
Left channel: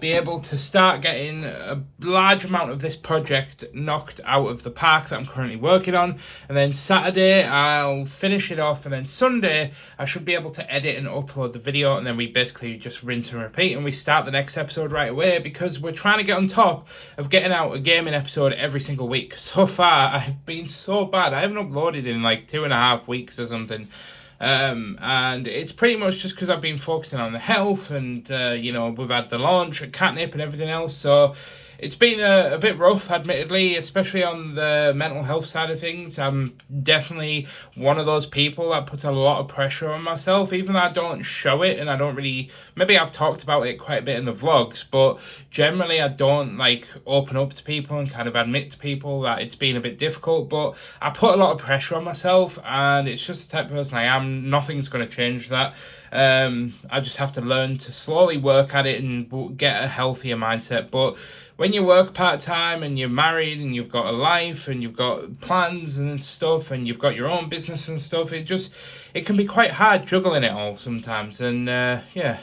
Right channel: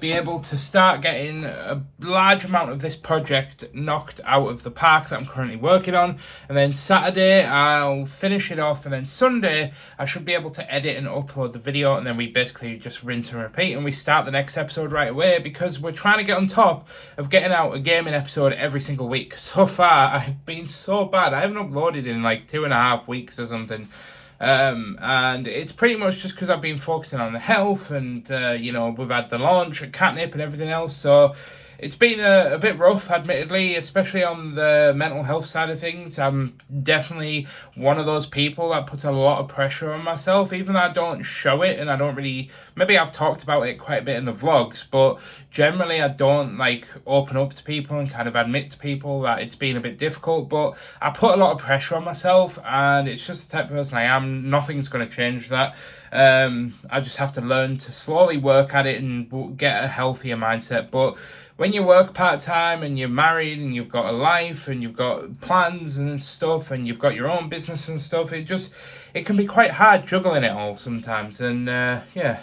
be able to start getting a large amount of this project knocked out of the park that I'm currently working on. And then Saturday I'll finish it off, and then Sunday I should be able to edit and upload the video, and then we basically just rinse and repeat and we start the next episode right away, because we're trying to get on top of getting out a gaming episode every single week. So far I've been so bad. I haven't uploaded in like 2.5 weeks or something. And it's pretty much just because I've been focusing on the health, and we've had the launch at Katnipp and everything else, so it's been a bit rough, admittedly, especially on the mental health side of things. I'm definitely one of those people that puts a lot of pressure on myself, even though I don't show it, and I don't really, maybe I've talked about it quite a bit in the vlogs, but generally I don't like open up to people and kind of admit to people that it's been a bit difficult. But I put a lot of pressure on myself, and it's just the type of person I am. Nothing's going to change that. I just have to learn to slowly work at it and get a healthier mindset. But when you work part-time and you're married and you've got a life and you've got plans and stuff and you've got your own business and stuff, it can be quite hard juggling it all sometimes. And yeah,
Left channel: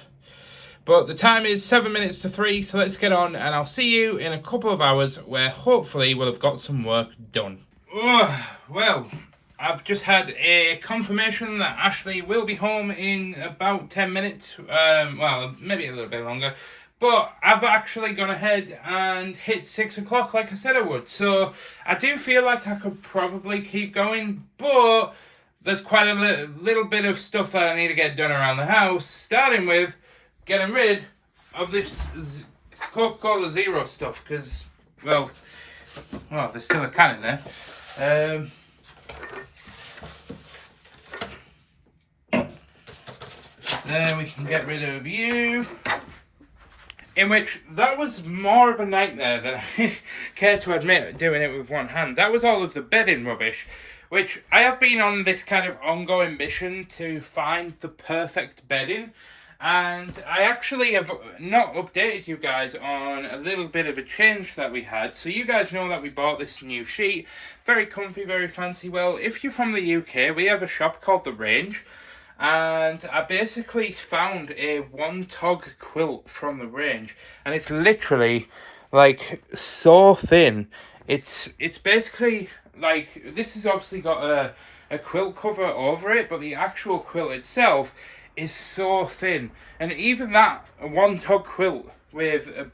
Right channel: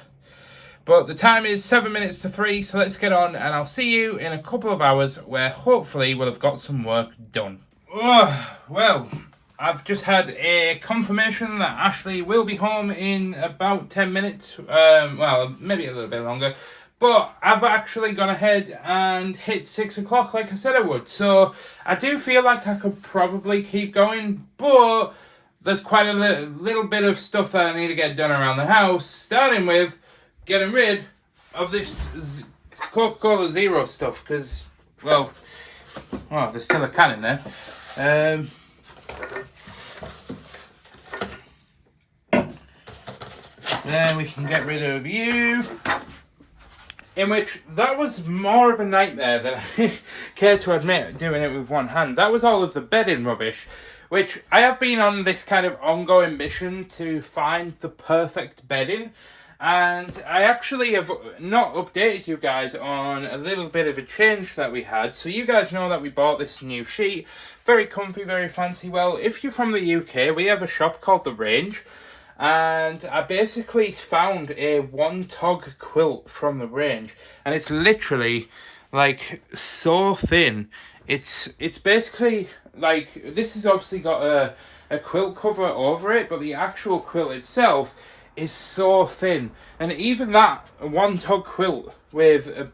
but the time is 7 minutes to 3, so let's get on, and I'll see you in a couple of hours where hopefully we'll have got some work done. Well, I've just had a confirmation that Ashley will be home in about 10 minutes, well, maybe a little bit longer. But I've actually gone ahead and hit 6 o'clock like I said I would. So I do feel like I could probably keep going, but there's quite a little bit of stuff that I need to get done around the house, starting with getting rid of this Coca-Cola Zero stuff, because, well, there's still a can in there. Then we can get rid of you. In which, that was more of a nightmare than I care to admit, doing it with one hand. That was all of the bedding rubbish, which I have been on this kind of ongoing mission to find the perfect bedding. And I actually have not updated you guys on a little bit of a change that we had. So you guys know that we bought this new sheet. Very comfy, very fancy. Well, if you're from the UK, we have a shop called The Range. And I basically found a one-tog quilt from The Range, and it's literally like so thin. It's basically like, this has obviously got a quilt cover over it, but the actual quilt itself is so thin. And even that one-tog quilt with a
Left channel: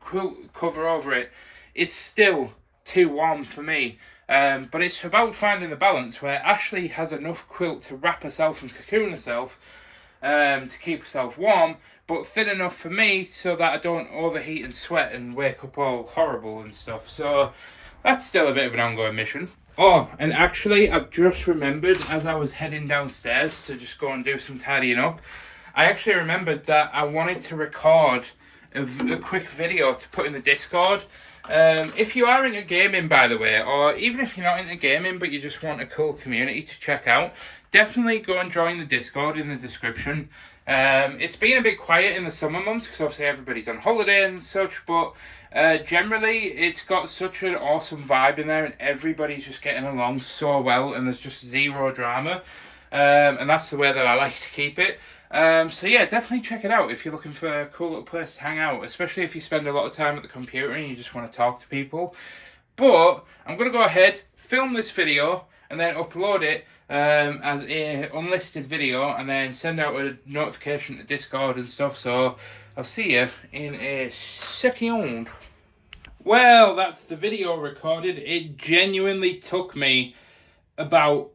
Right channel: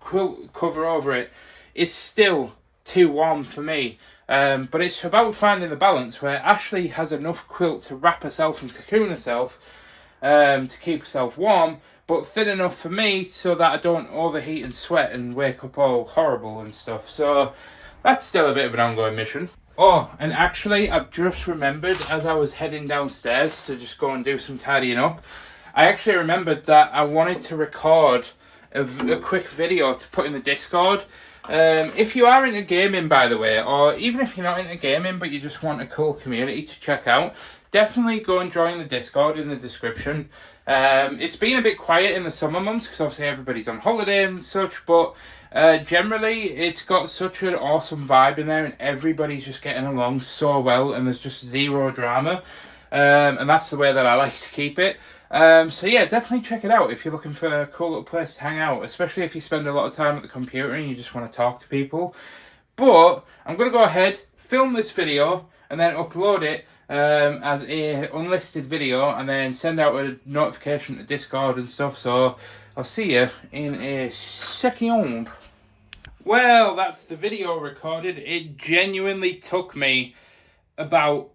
quilt cover over it is still too warm for me. But it's about finding the balance where Ashley has enough quilt to wrap herself and cocoon herself to keep herself warm, but thin enough for me so that I don't overheat and sweat and wake up all horrible and stuff. So that's still a bit of an ongoing mission. Oh, and actually I've just remembered, as I was heading downstairs to just go and do some tidying up, I actually remembered that I wanted to record a quick video to put in the Discord. If you are into gaming, by the way, or even if you're not into gaming but you just want a cool community to check out, definitely go and join the Discord in the description. It's been a bit quiet in the summer months because obviously everybody's on holiday and such, but generally it's got such an awesome vibe in there and everybody's just getting along so well and there's just zero drama, and that's the way that I like to keep it. So yeah, definitely check it out if you're looking for a cool little place to hang out, especially if you spend a lot of time at the computer and you just want to talk to people. But I'm going to go ahead, film this video, and then upload it as a unlisted video, and then send out a notification to Discord and stuff. So I'll see you in a second. Well, that's the video recorded. It genuinely took me about...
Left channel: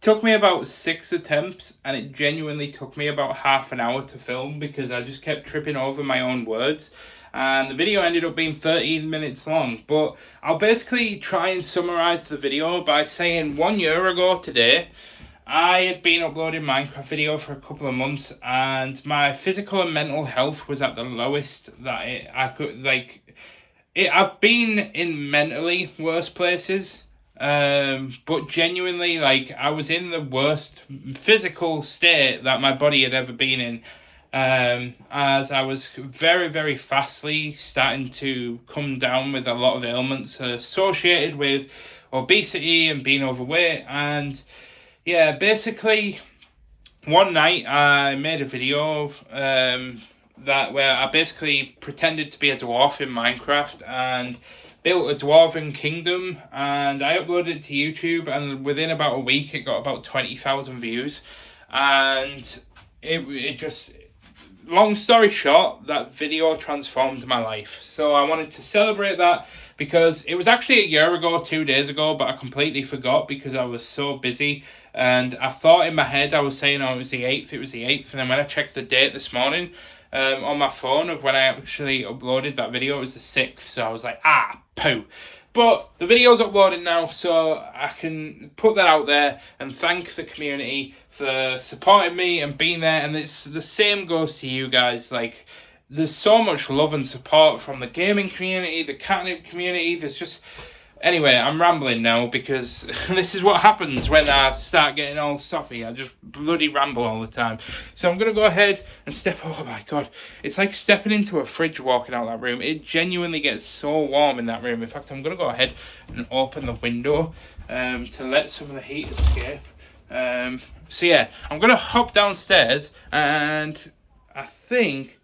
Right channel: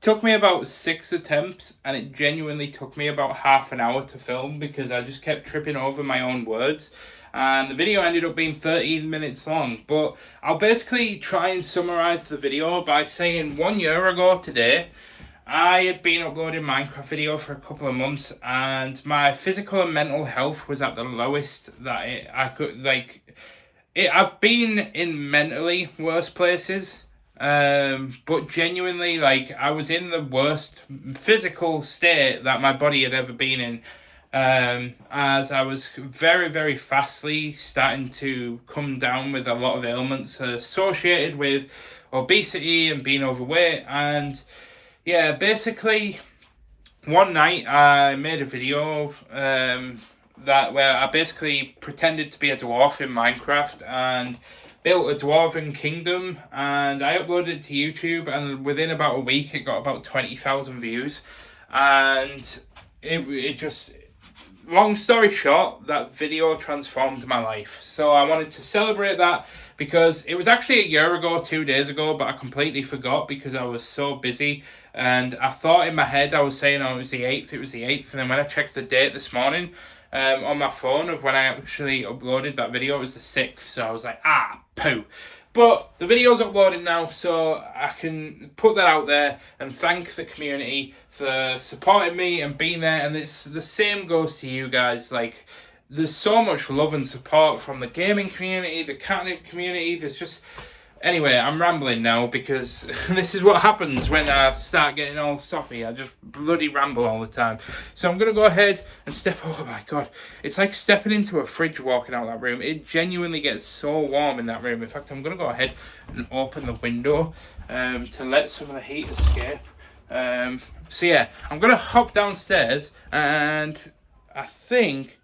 took me about 6 attempts, and it genuinely took me about half an hour to film because I just kept tripping over my own words, and the video ended up being 13 minutes long. But I'll basically try and summarize the video by saying 1 year ago today I had been uploading Minecraft video for a couple of months, and my physical and mental health was at the lowest that I could, like, I've been in mentally worse places, but genuinely, like, I was in the worst physical state that my body had ever been in, as I was very, very fastly starting to come down with a lot of ailments associated with obesity and being overweight. And yeah, basically one night I made a video where I basically pretended to be a dwarf in Minecraft and built a dwarven kingdom, and I uploaded it to YouTube, and within about a week it got about 20,000 views. And it just, long story short, that video transformed my life. So I wanted to celebrate that, because it was actually a year ago, 2 days ago, but I completely forgot because I was so busy. And I thought in my head I was saying, oh, it was the 8th, and then when I checked the date this morning on my phone of when I actually uploaded that video, it was the 6th. So I was like, poo. But the video's uploaded now, so I can put that out there and thank the community for supporting me and being there. And it's the same goes to you guys. Like, there's so much love and support from the gaming community, the Katnipp community. There's just... Anyway, I'm rambling now because this is what happens when I start getting all soppy. I just bloody ramble all the time. So I'm going to go ahead and oh my God. It's like stepping into a fridge walking out that room. It genuinely gets so warm in that room. In fact, I'm going to go ahead and open the window to let some of the heat escape. So yeah, I'm going to hop downstairs, and I think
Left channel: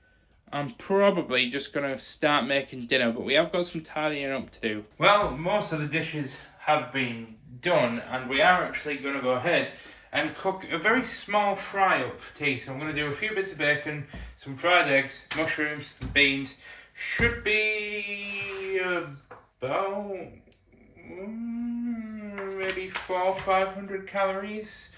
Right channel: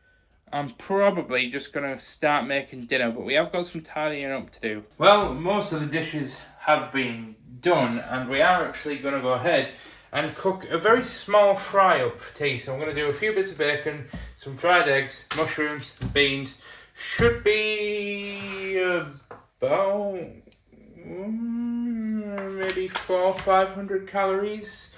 I'm probably just going to start making dinner, but we have got some tidying up to do. Well, most of the dishes have been done, and we are actually going to go ahead and cook a very small fry up for tea. So I'm going to do a few bits of bacon, some fried eggs, mushrooms, and beans. Should be about maybe 400-500 calories.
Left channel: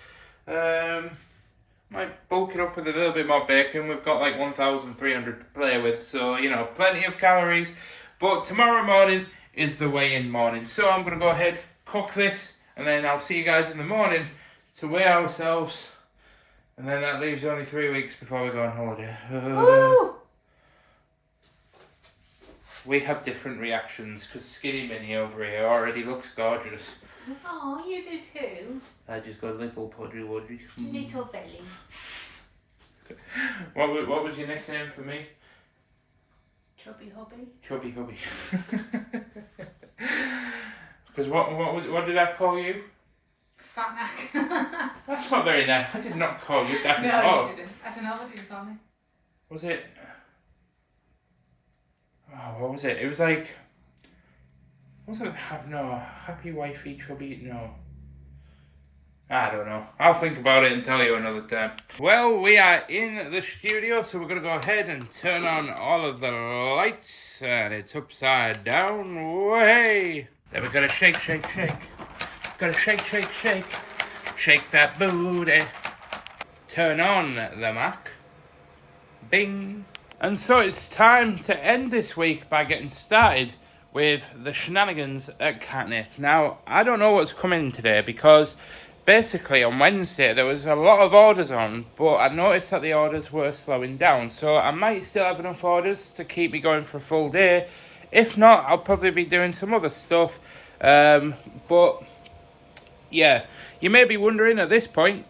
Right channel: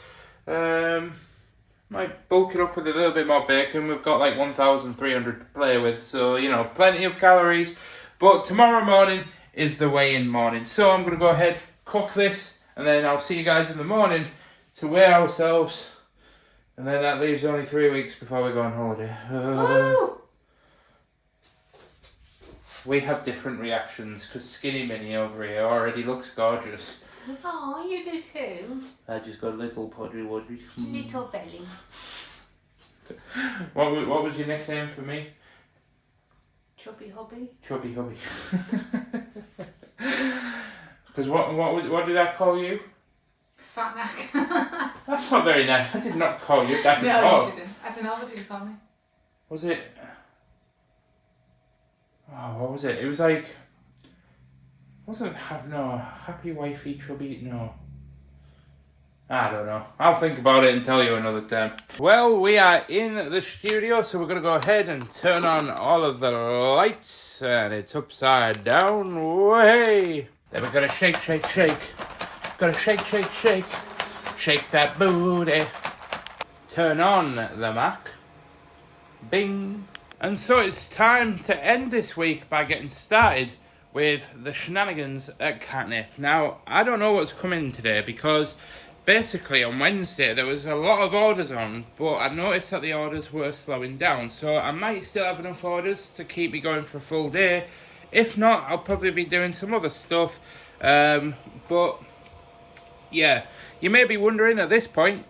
Might bulk it up with a little bit more bacon. We've got like 1,300 to play with, so, you know, plenty of calories. But tomorrow morning is the weigh-in morning. So I'm going to go ahead, cook this, and then I'll see you guys in the morning to weigh ourselves. And then that leaves only 3 weeks before we go on holiday. We have different reactions, because Skinny Minnie over here already looks gorgeous. Oh, you do too. I just got a little podgy wodgy. Little belly. What was your nickname for me? Chubby hubby. Chubby hubby. Because what did I call you? Fat neck. That's not very nice. I did not call you that at No, all. you didn't. I don't know what did you call me. Was it? Oh, what was it? It was like... Wasn't happy wifey chubby? No. I don't know. I'll think about it and tell you another time. Well, we are in the studio, so we're going to go ahead and turn on all of the lights. And it's upside down. Way. Then we're going to shake, shake, shake. Gotta shake, shake, shake. Shake that booty. Turn on the Mac. Bing. And so it's time to end this week by getting started with the shenanigans at Katnipp. Now, I don't know what's coming today, because basically on Wednesday there was a lot of orders on, but I noticed that the orders were slowing down, so I might still have enough orders to keep me going for a full day. If not, I'll probably be doing some other stuff. But yeah, you may be wondering at this point,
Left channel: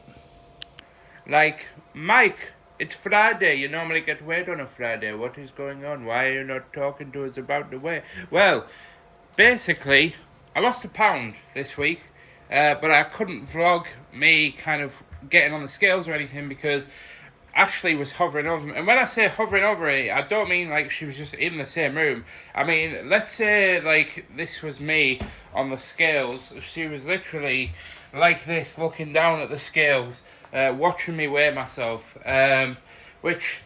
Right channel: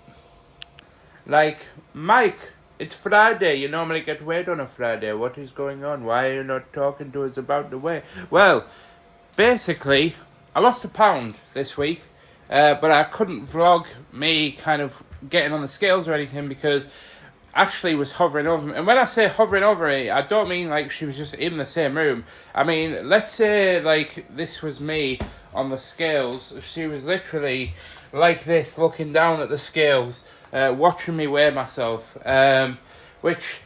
like, Mike, it's Friday. You normally get weighed on a Friday. What is going on? Why are you not talking to us about the weight? Well, basically, I lost £1 this week, but I couldn't vlog me kind of getting on the scales or anything because Ashley was hovering over me. And when I say hovering over me, I don't mean like she was just in the same room. I mean, let's say like this was me on the scales. She was literally like this, looking down at the scales, watching me weigh myself, which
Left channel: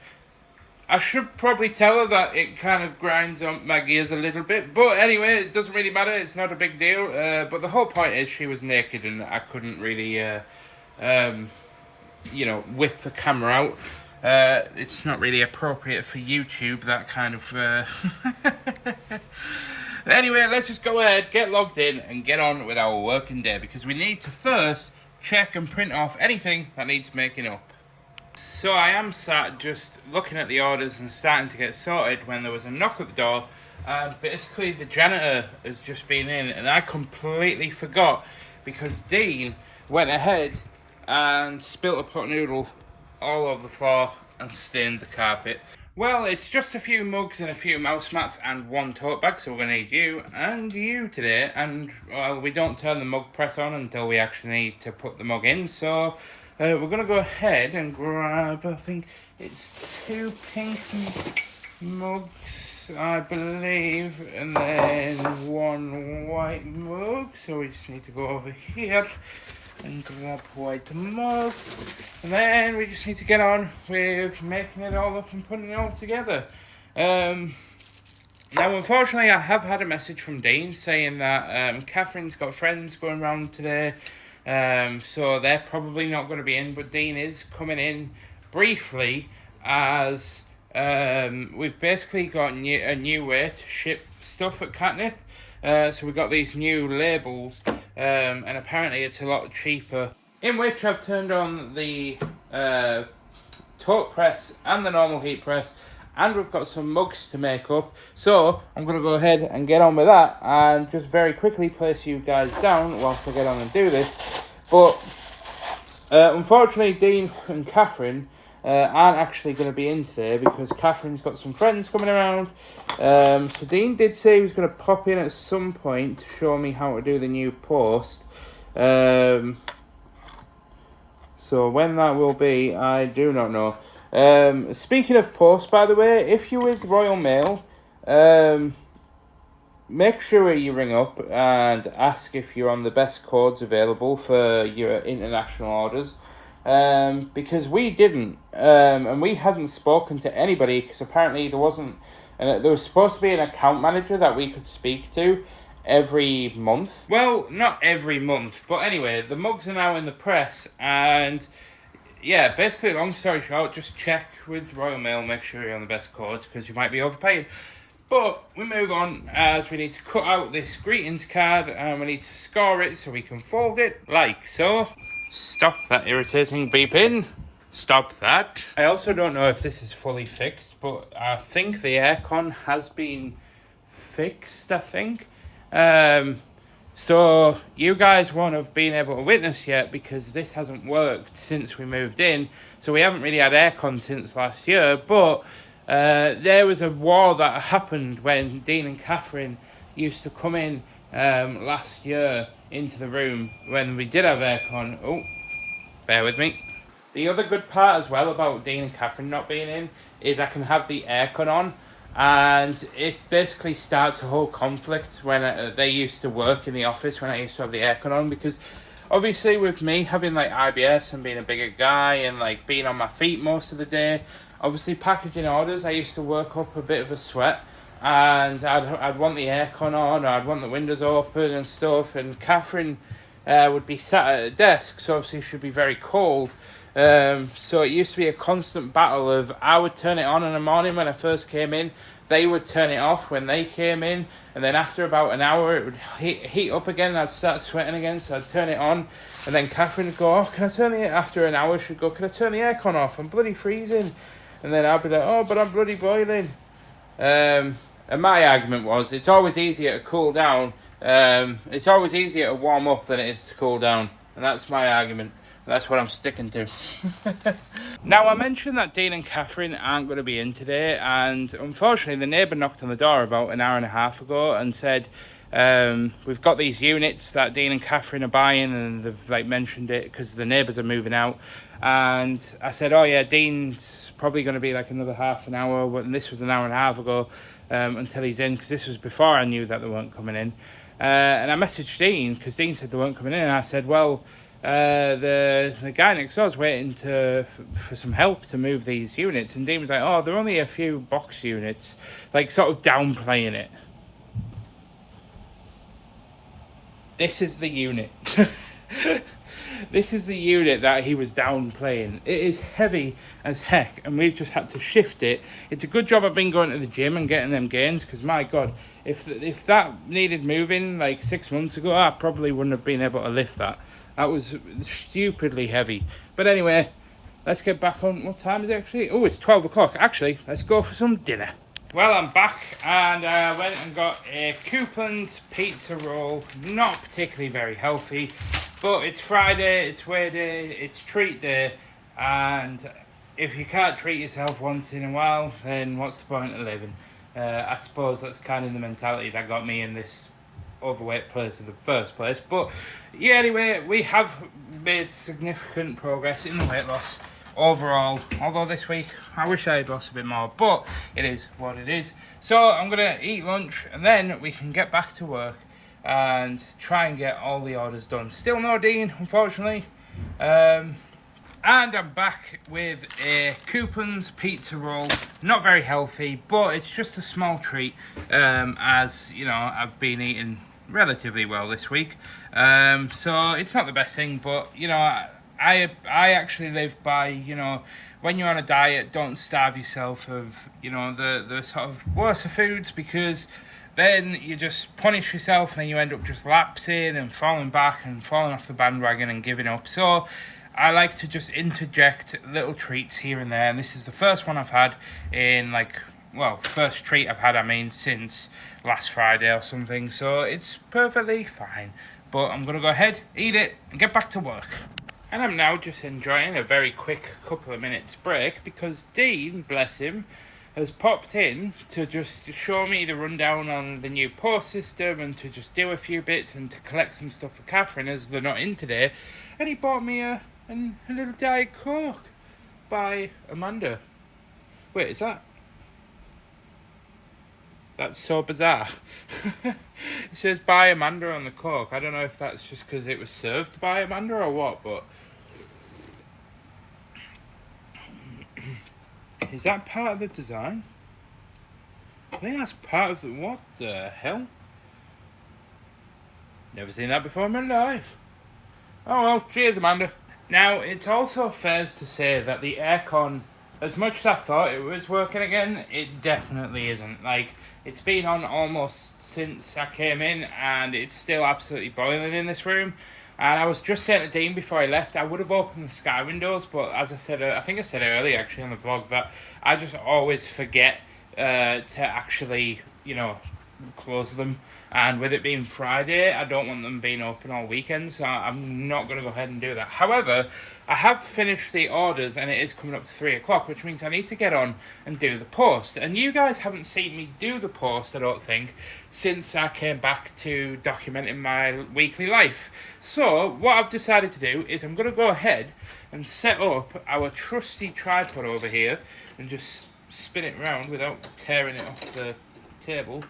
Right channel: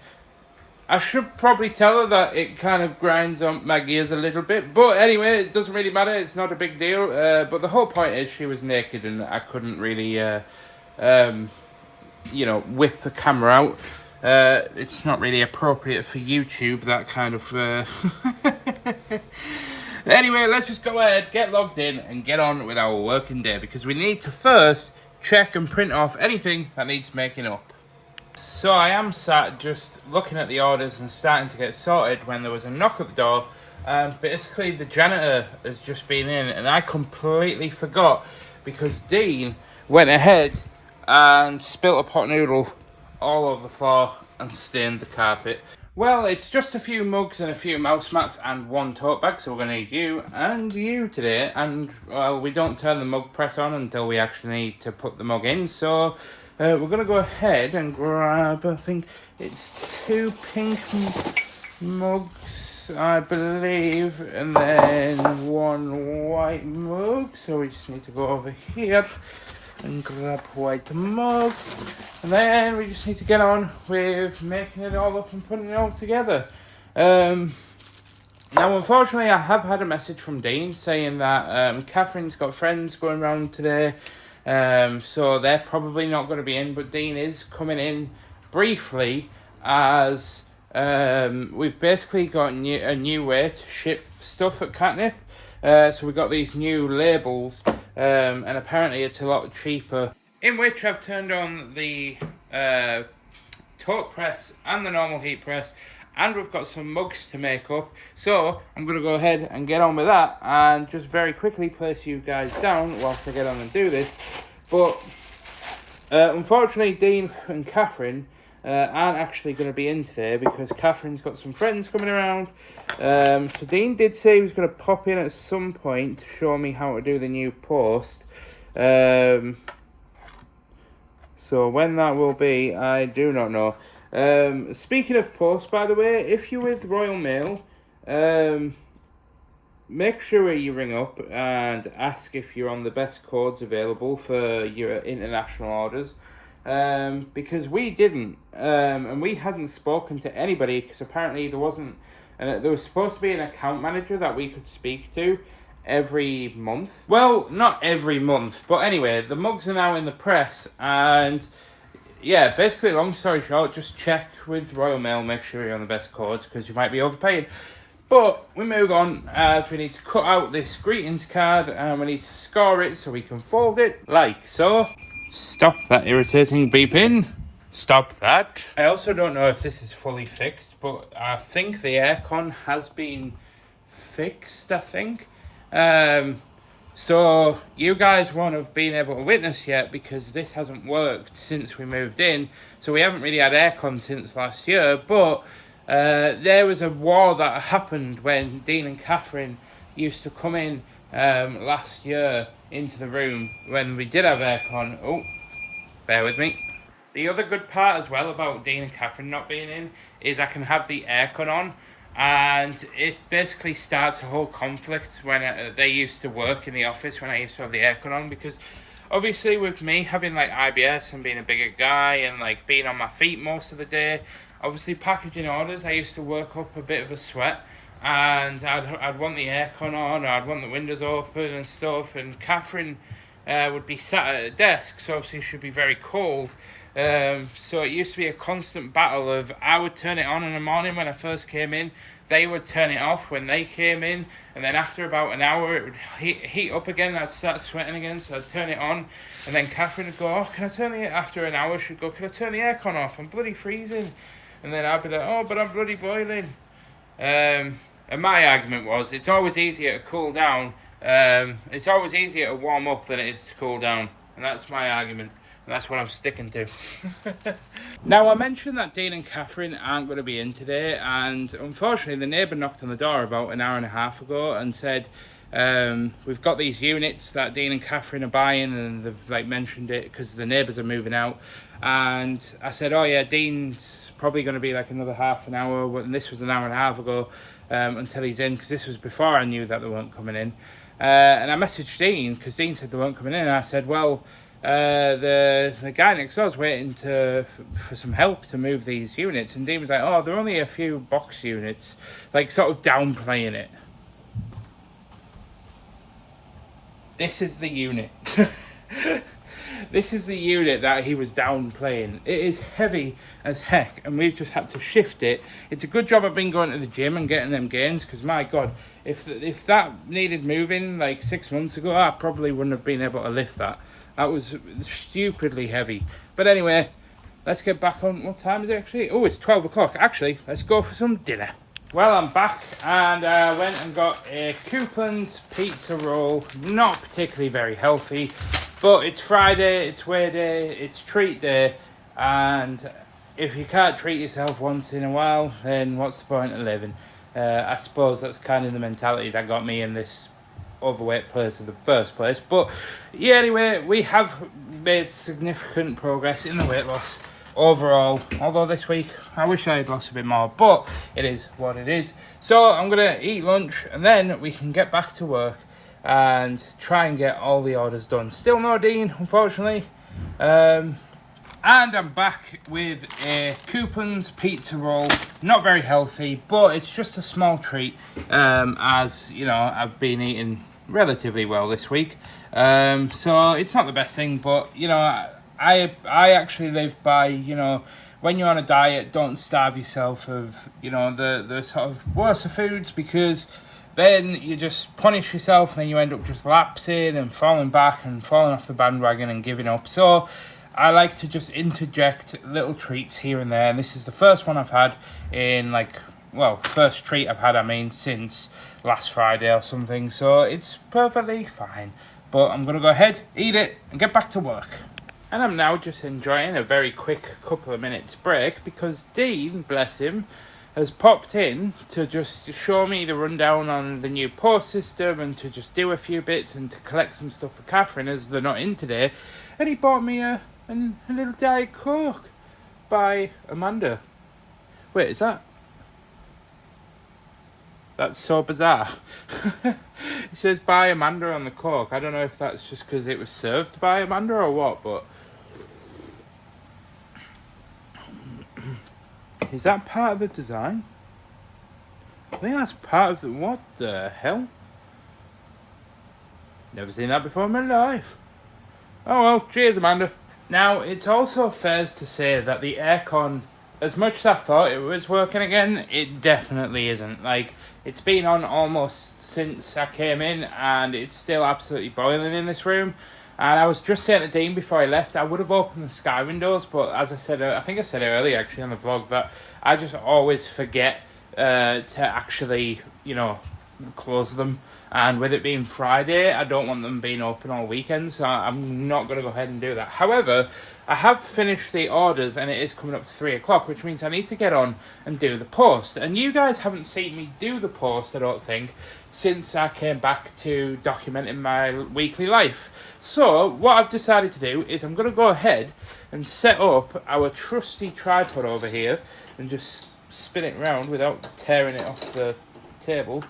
I should probably tell her that it kind of grinds on my gears a little bit. But anyway, it doesn't really matter. It's not a big deal. But the whole point is she was naked and I couldn't really, whip the camera out. It's not really appropriate for YouTube, that kind of... Anyway, let's just go ahead, get logged in and get on with our working day, because we need to first check and print off anything that needs making up. So I am sat just looking at the orders and starting to get sorted when there was a knock at the door, and basically the janitor has just been in, and I completely forgot because Dean went ahead and spilt a pot noodle all over the floor and stained the carpet. Well, it's just a few mugs and a few mouse mats and one tote bag, so we're going to need you and you today. And, well, we don't turn the mug press on until we actually need to put the mug in. So, we're going to go ahead and grab, I think it's 2 pink mugs, I believe, and then 1 white mug. So we just need to go over here and grab a white mug, and then we just need to get on with making it all up and putting it all together. Now, unfortunately, I have had a message from Dean saying that Catherine's got friends going around today, so they're probably not going to be in, but Dean is coming in briefly as we've basically got a new way to ship stuff at Katnipp. So we got these new labels, and apparently it's a lot cheaper, in which I've turned on the tote press and the normal heat press, and we've got some mugs to make up. So I'm going to go ahead and get on with that and just very quickly place you guys down whilst I get on and do this. But unfortunately, Dean and Catherine aren't actually going to be in today because Catherine's got some friends coming around. So Dean did say he was going to pop in at some point to show me how to do the new post. So when that will be, I do not know. Speaking of post, by the way, if you're with Royal Mail, make sure you ring up and ask if you're on the best codes available for your international orders. Because we didn't, and we hadn't spoken to anybody because apparently there wasn't, and there was supposed to be an account manager that we could speak to every month. Well, not every month, but anyway, the mugs are now in the press, and yeah, basically, long story short, just check with Royal Mail, make sure you're on the best codes because you might be overpaying. But we move on as we need to cut out this greetings card and we need to score it so we can fold it like so. Stop that irritating beeping. Stop that. I also don't know if this is fully fixed, but I think the aircon has been fixed, I think. So you guys won't have been able to witness yet because this hasn't worked since we moved in. So we haven't really had aircon since last year, but there was a war that happened when Dean and Catherine used to come in last year into the room when we did have aircon. Oh, bear with me. The other good part as well about Dean and Catherine not being in is I can have the aircon on, and it basically starts a whole conflict when they used to work in the office when I used to have the aircon on, because obviously with me having like IBS and being a bigger guy and like being on my feet most of the day, obviously packaging orders, I used to work up a bit of a sweat, and I'd want the aircon on, or I'd want the windows open and stuff, and Catherine would be sat at a desk, so obviously she'd be very cold. So it used to be a constant battle of I would turn it on in the morning when I first came in, they would turn it off when they came in, and then after about an hour it would heat up again and I'd start sweating again, so I'd turn it on, and then Catherine would go, oh, can I turn the, after an hour she'd go, can I turn the aircon off, I'm bloody freezing, and then I'd be like, oh, but I'm bloody boiling. And my argument was, it's always easier to cool down, it's always easier to warm up than it is to cool down, and that's my argument. That's what I'm sticking to. Now, I mentioned that Dean and Catherine aren't going to be in today, and unfortunately the neighbour knocked on the door about an hour and a half ago and said, we've got these units that Dean and Catherine are buying, and they've like mentioned it because the neighbours are moving out. And I said, oh yeah, Dean's probably going to be like another half an hour, and this was an hour and a half ago, until he's in, because this was before I knew that they weren't coming in. And I messaged Dean because Dean said they weren't coming in, and I said, well, the guy next door is waiting for some help to move these units, and Dean was like, oh, they're only a few box units, like sort of downplaying it. This is the unit. This is the unit that he was downplaying. It is heavy as heck, and we've just had to shift it. It's a good job I've been going to the gym and getting them gains, because my God, if that needed moving like 6 months ago, I probably wouldn't have been able to lift that. That was stupidly heavy. But anyway, let's get back on. What time is it actually? Oh, it's 12 o'clock. Actually, let's go for some dinner. Well, I'm back and I went and got a Coupons pizza roll. Not particularly very healthy, but it's Friday, it's weigh day, it's treat day, and if you can't treat yourself once in a while, then what's the point of living? I suppose that's kind of the mentality that got me in this overweight place in the first place. But yeah, anyway, we have made significant progress in the weight loss overall. Although this week, I wish I had lost a bit more, but it is what it is. So I'm going to eat lunch and then we can get back to work and try and get all the orders done. Still no Dean, unfortunately. And I'm back with a Coupons pizza roll. Not very healthy, but it's just a small treat. As you know, I've been eating relatively well this week. So it's not the best thing, but you know, I actually live by, you know, when you're on a diet, don't starve yourself of, you know, the sort of worse foods, because then you just punish yourself and then you end up just lapsing and falling back and falling off the bandwagon and giving up. So I like to just interject little treats here and there, and this is the first one I've had in first treat I've had, I mean, since last Friday or something, so it's perfectly fine. But I'm going to go ahead, eat it, and get back to work. And I'm now just enjoying a very quick couple of minutes break because Dean, bless him, has popped in to just show me the rundown on the new post system and to just do a few bits and to collect some stuff for Catherine as they're not in today. And he bought me a little Diet Coke by Amanda. Wait, is that? That's so bizarre. It says by Amanda on the Coke. I don't know if that's just because it was served by Amanda or what, but... Is that part of the design? I think that's part of the... What the hell? Never seen that before in my life. Oh well, cheers Amanda. Now, it's also fair to say that the aircon, as much as I thought it was working again, it definitely isn't. Like, it's been on almost since I came in, and it's still absolutely boiling in this room. And I was just saying to Dean before I left, I would have opened the sky windows, but as I said, I think I said earlier actually on the vlog, that I just always forget to actually, you know, close them. And with it being Friday, I don't want them being open all weekend, so I'm not going to go ahead and do that. However, I have finished the orders and it is coming up to 3 o'clock, which means I need to get on and do the post. And you guys haven't seen me do the post, I don't think, since I came back to documenting my weekly life. So what I've decided to do is I'm going to go ahead and set up our trusty tripod over here and just spin it around without tearing it off the table.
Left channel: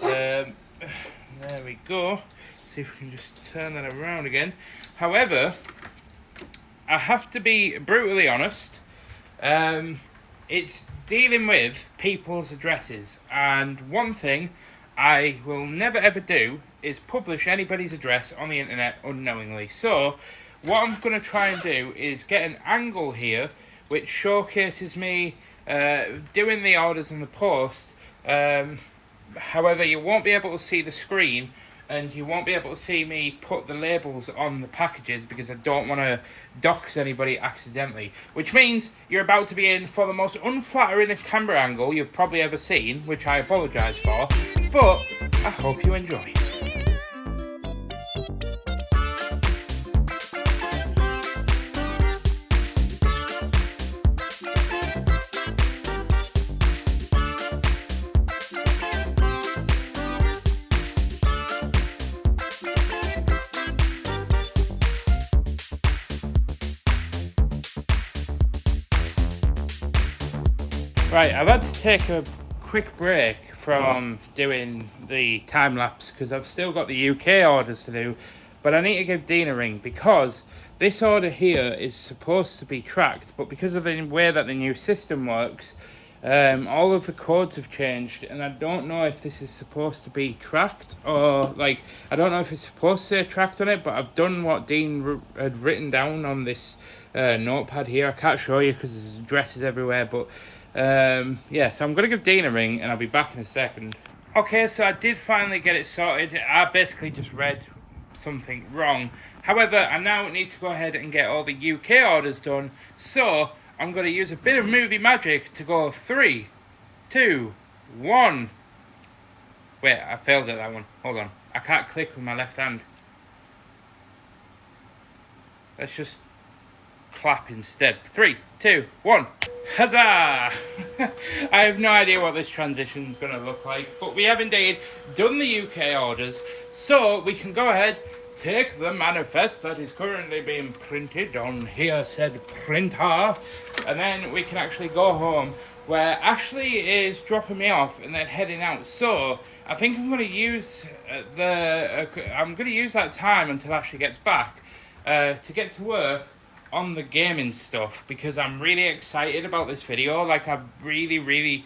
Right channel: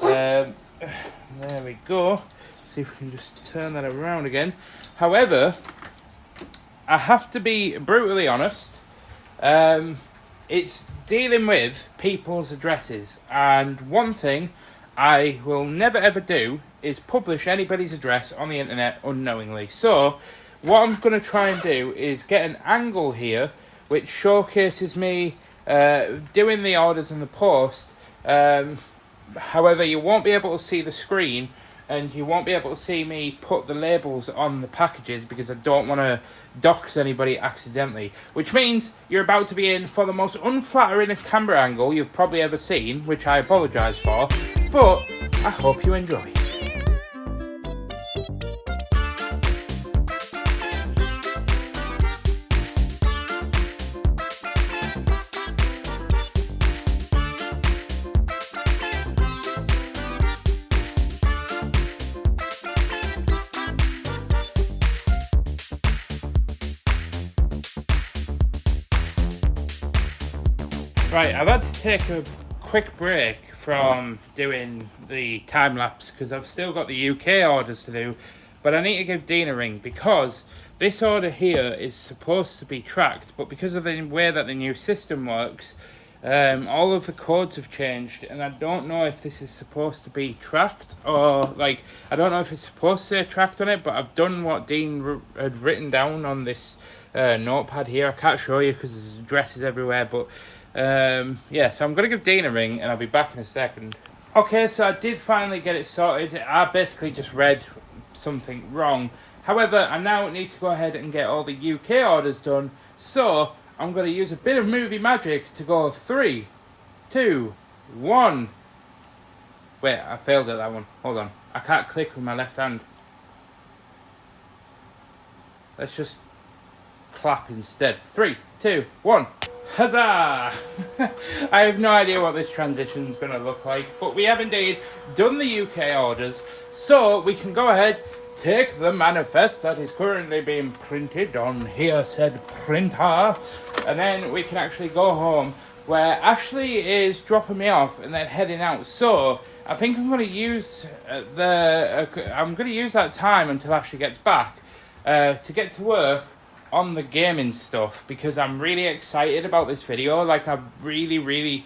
There we go. See if we can just turn that around again. However, I have to be brutally honest. It's dealing with people's addresses, and one thing I will never ever do is publish anybody's address on the internet unknowingly. So what I'm going to try and do is get an angle here which showcases me doing the orders in the post. However, you won't be able to see the screen and you won't be able to see me put the labels on the packages because I don't want to dox anybody accidentally. Which means you're about to be in for the most unflattering camera angle you've probably ever seen, which I apologise for, but I hope you enjoy. Right, I've had to take a quick break from doing the time lapse because I've still got the UK orders to do, but I need to give Dean a ring because this order here is supposed to be tracked, but because of the way that the new system works, all of the codes have changed, and I don't know if this is supposed to be tracked or, like, I don't know if it's supposed to say tracked on it, but I've done what Dean had written down on this notepad here. I can't show you because there's addresses everywhere, but yeah, so I'm going to give Dean a ring and I'll be back in a second. Okay, so I did finally get it sorted. I basically just read something wrong However, I now need to go ahead and get all the UK orders done, so I'm going to use a bit of movie magic to go 3, 2, 1. Wait, I failed at that one. Hold on. I can't click with my left hand. Let's just clap instead. 3, 2, 1. Huzzah! I have no idea what this transition's going to look like, but we have indeed done the UK orders, so we can go ahead, take the manifest that is currently being printed on here said printer, and then we can actually go home where Ashley is dropping me off and then heading out. So I think I'm going to use that time until Ashley gets back to get to work on the gaming stuff, because I'm really excited about this video. Like, I've really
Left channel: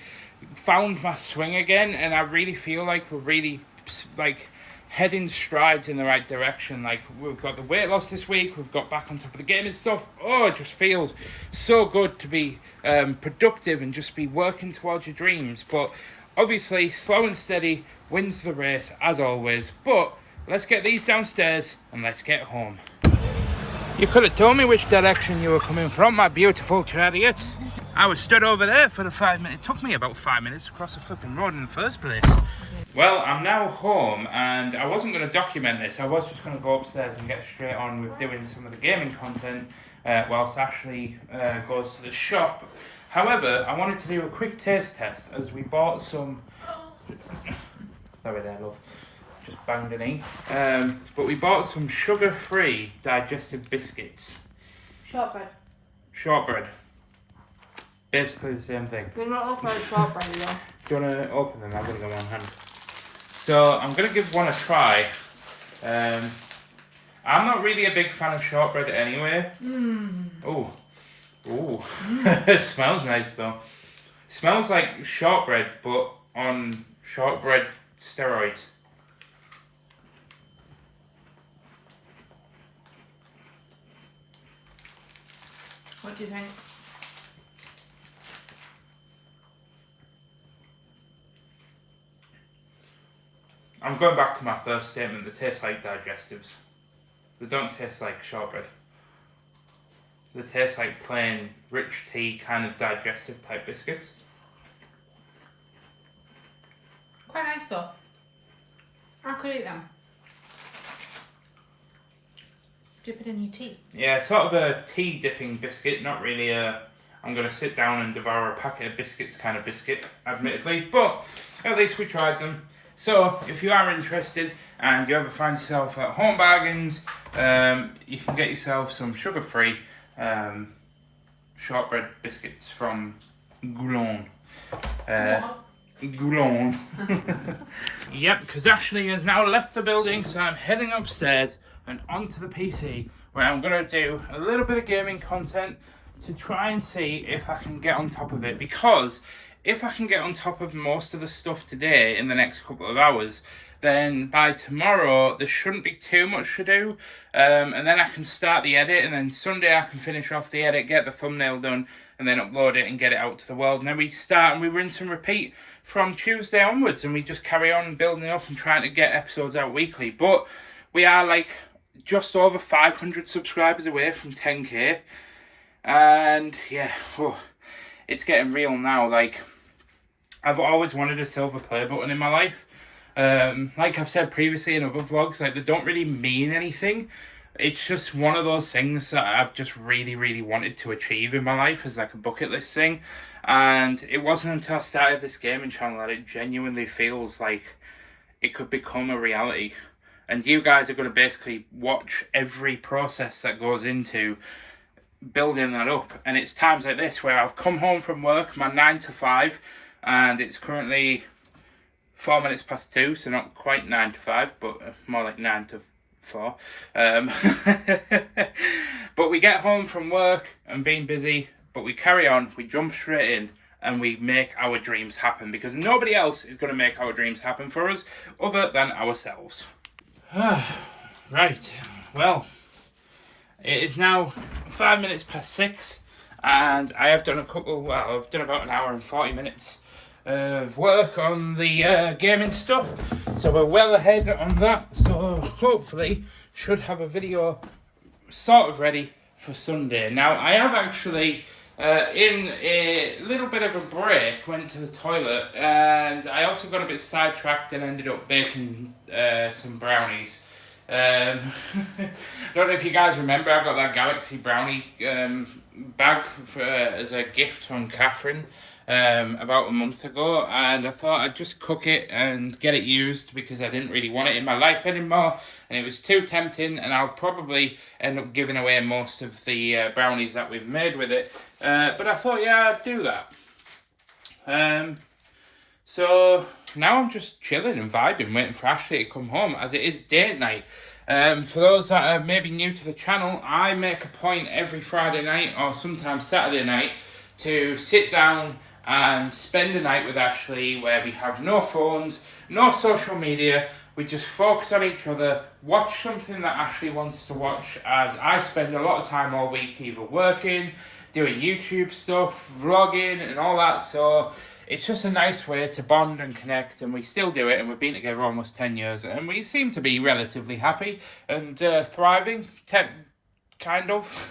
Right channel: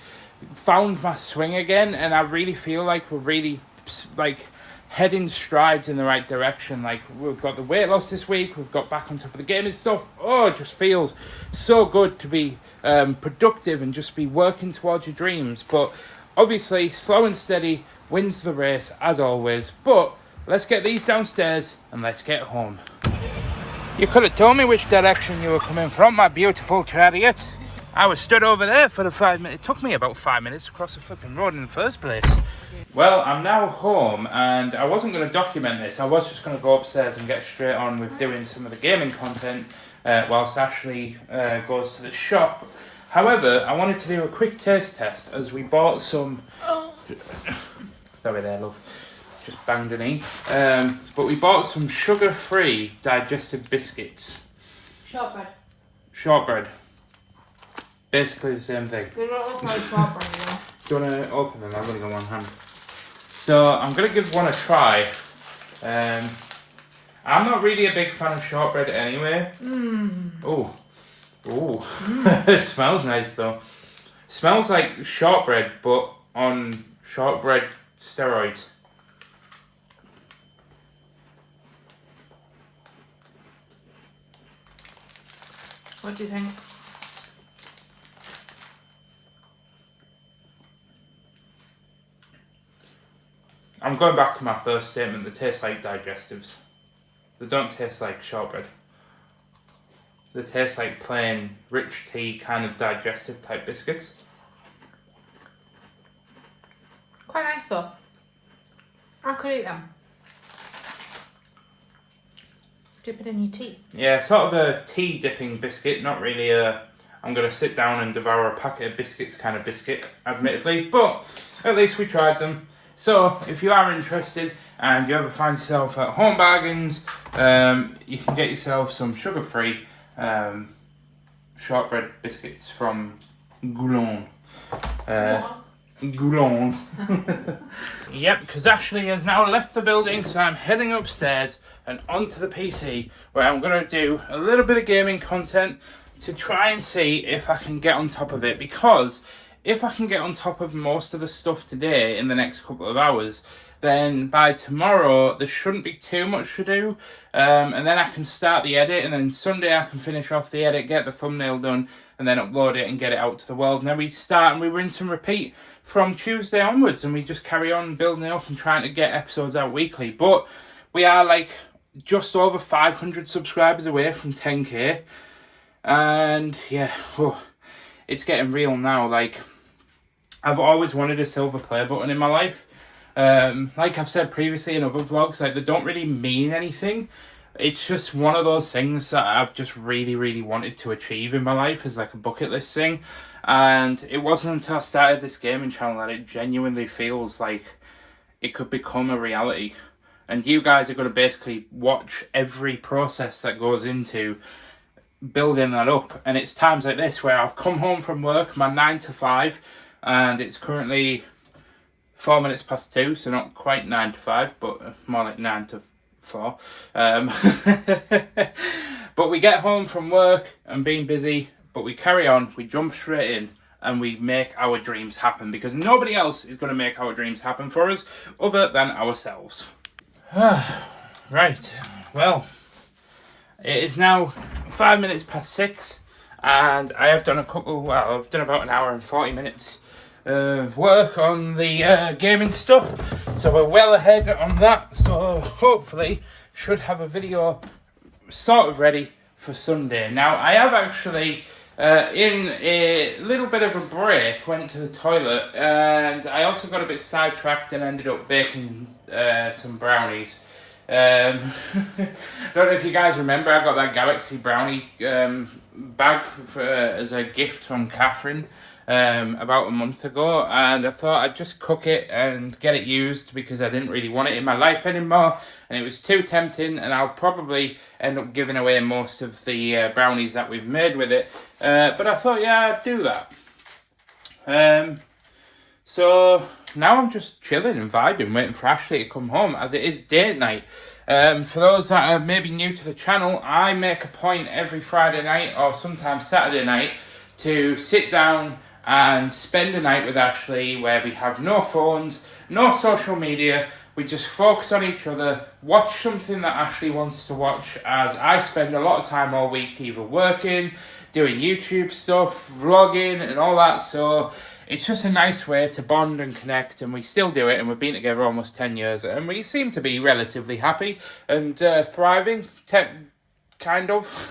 found my swing again, and I really feel like we're really like heading strides in the right direction. Like, we've got the weight loss this week, we've got back on top of the gaming stuff. Oh, it just feels so good to be productive and just be working towards your dreams. But obviously slow and steady wins the race as always. But let's get these downstairs and let's get home. You could have told me which direction you were coming from, my beautiful chariot. I was stood over there for the 5 minutes. It took me about 5 minutes to cross the flipping road in the first place. Well, I'm now home, and I wasn't going to document this. I was just going to go upstairs and get straight on with doing some of the gaming content whilst Ashley goes to the shop. However, I wanted to do a quick taste test as we bought some... Sorry there, love. Just banged a knee. But we bought some sugar-free digestive biscuits. Shortbread. Basically the same thing. You're not opening shortbread, you know. Do you want to open them? I'm going to go one hand. So I'm going to give one a try. I'm not really a big fan of shortbread anyway. Oh. It smells nice though. Smells like shortbread, but on shortbread steroids. What do you think? I'm going back to my first statement. They taste like digestives. They don't taste like shortbread. They taste like plain, rich tea, kind of digestive type biscuits. Quite nice though. I could eat them. Dip it in your tea. Yeah, sort of a tea dipping biscuit. Not really a... I'm going to sit down and devour a packet of biscuits kind of biscuit, admittedly. But at least we tried them. So, if you are interested and you ever find yourself at Home Bargains, you can get yourself some sugar-free shortbread biscuits from Goulon. Goulon. Yep, because Ashley has now left the building, so I'm heading upstairs and onto the PC, where I'm going to do a little bit of gaming content to try and see if I can get on top of it, because if I can get on top of most of the stuff today in the next couple of hours, then by tomorrow there shouldn't be too much to do, and then I can start the edit, and then Sunday I can finish off the edit, get the thumbnail done, and then upload it and get it out to the world. And then we start and we rinse and repeat from Tuesday onwards, and we just carry on building it up and trying to get episodes out weekly. But we are like just over 500 subscribers away from 10k, and yeah, it's getting real now. Like, I've always wanted a silver play button in my life. Like I've said previously in other vlogs, like, they don't really mean anything. It's just one of those things that I've just really wanted to achieve in my life as like a bucket list thing. And it wasn't until I started this gaming channel that it genuinely feels like it could become a reality. And you guys are going to basically watch every process that goes into building that up. And it's times like this where I've come home from work, my 9 to 5, and it's currently 4 minutes past 2, so not quite 9 to 5, but more like 9 to 4. But we get home from work and being busy, but we carry on, we jump straight in, and we make our dreams happen, because nobody else is going to make our dreams happen for us other than ourselves. Right, well, it is now 5 minutes past 6, and I have done I've done about an hour and 40 minutes of work on the gaming stuff, so we're well ahead on that. So hopefully should have a video sort of ready for Sunday. Now, I have actually, in a little bit of a break, went to the toilet, and I also got a bit sidetracked and ended up baking some brownies. Don't know if you guys remember, I got that Galaxy brownie bag as a gift from Catherine about a month ago, and I thought I'd just cook it and get it used because I didn't really want it in my life anymore, and it was too tempting, and I'll probably end up giving away most of the brownies that we've made with it, but I thought, yeah, I'd do that. So now I'm just chilling and vibing, waiting for Ashley to come home, as it is date night. For those that are maybe new to the channel, I make a point every Friday night or sometimes Saturday night to sit down and spend a night with Ashley where we have no phones, no social media. We just focus on each other, watch something that Ashley wants to watch, as I spend a lot of time all week either working, doing YouTube stuff, vlogging and all that. So it's just a nice way to bond and connect, and we still do it, and we've been together almost 10 years, and we seem to be relatively happy and thriving, kind of.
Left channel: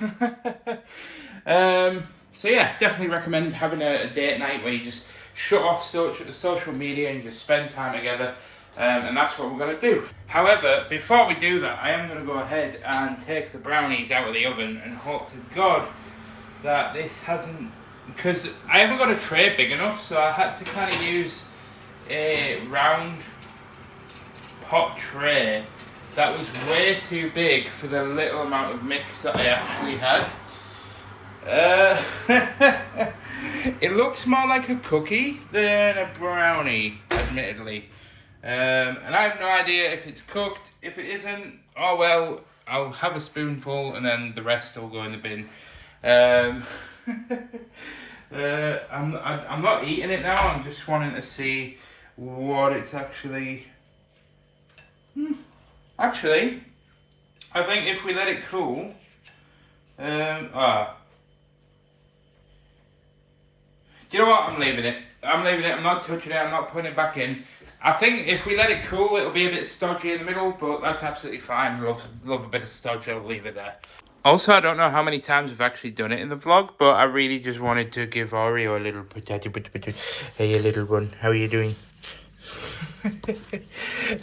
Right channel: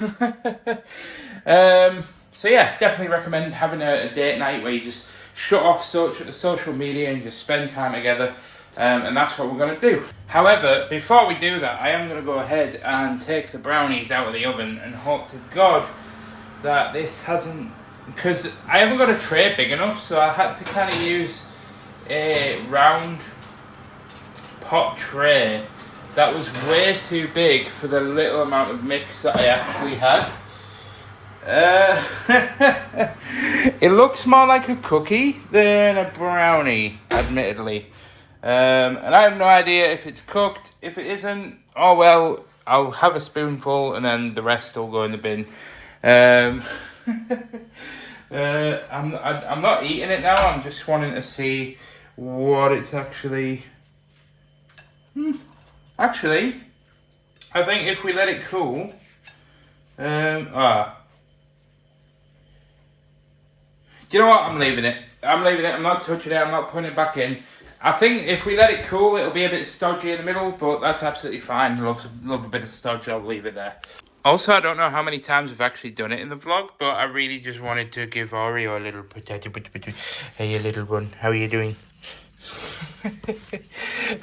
So yeah, definitely recommend having a date night where you just shut off social media and just spend time together, and that's what we're going to do. However, before we do that, I am going to go ahead and take the brownies out of the oven and hope to God that this hasn't, because I haven't got a tray big enough, so I had to kind of use a round pot tray that was way too big for the little amount of mix that I actually had. It looks more like a cookie than a brownie, admittedly. And I have no idea if it's cooked. If it isn't, oh well, I'll have a spoonful and then the rest will go in the bin. I'm not eating it now. I'm just wanting to see what it's actually. Actually, I think if we let it cool, do you know what? I'm leaving it. I'm not touching it. I'm not putting it back in. I think if we let it cool, it'll be a bit stodgy in the middle, but that's absolutely fine. Love a bit of stodge. I'll leave it there. Also, I don't know how many times we've actually done it in the vlog, but I really just wanted to give Oreo a little potato. Hey, little one, how are you doing?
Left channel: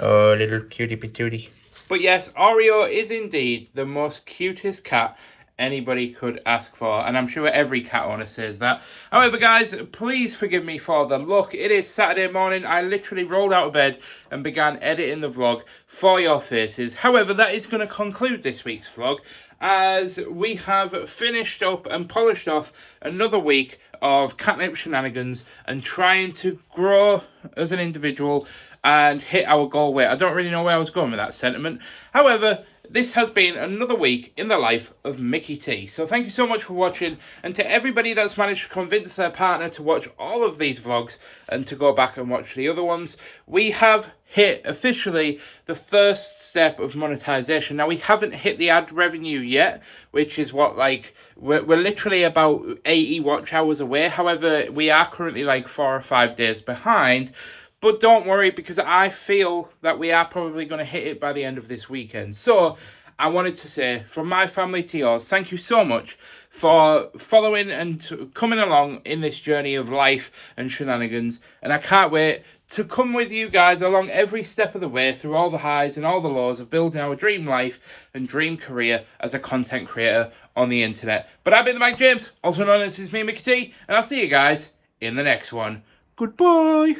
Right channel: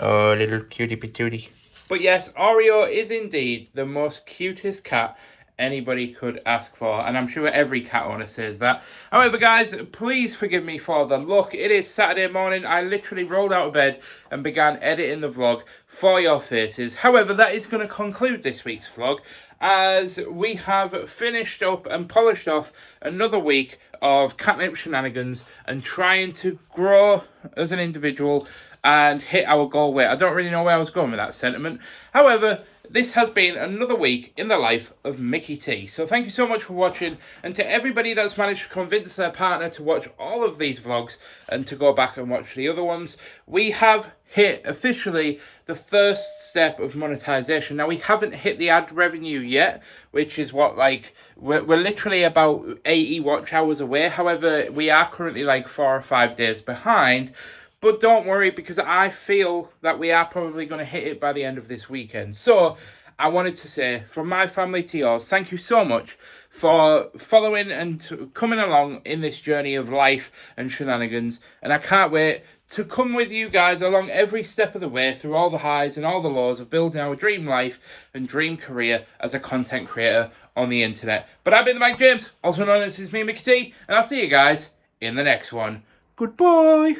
Oh, little cutie patootie. But yes, Oreo is indeed the most cutest cat anybody could ask for, and I'm sure every cat owner says that. However, guys, please forgive me for the look. It is Saturday morning. I literally rolled out of bed and began editing the vlog for your faces. However, that is going to conclude this week's vlog, as we have finished up and polished off another week of Katnipp shenanigans and trying to grow as an individual and hit our goal weight. I don't really know where I was going with that sentiment. However, this has been another week in the life of Mickey T. So thank you so much for watching, and to everybody that's managed to convince their partner to watch all of these vlogs and to go back and watch the other ones, we have hit officially the first step of monetization. Now, we haven't hit the ad revenue yet, which is what, like, we're literally about 80 watch hours away. However, we are currently like 4 or 5 days behind. But don't worry, because I feel that we are probably going to hit it by the end of this weekend. So I wanted to say, from my family to yours, thank you so much for following and coming along in this journey of life and shenanigans. And I can't wait to come with you guys along every step of the way through all the highs and all the lows of building our dream life and dream career as a content creator on the internet. But I've been the Mike James, also known as me, Mickey T, and I'll see you guys in the next one. Goodbye.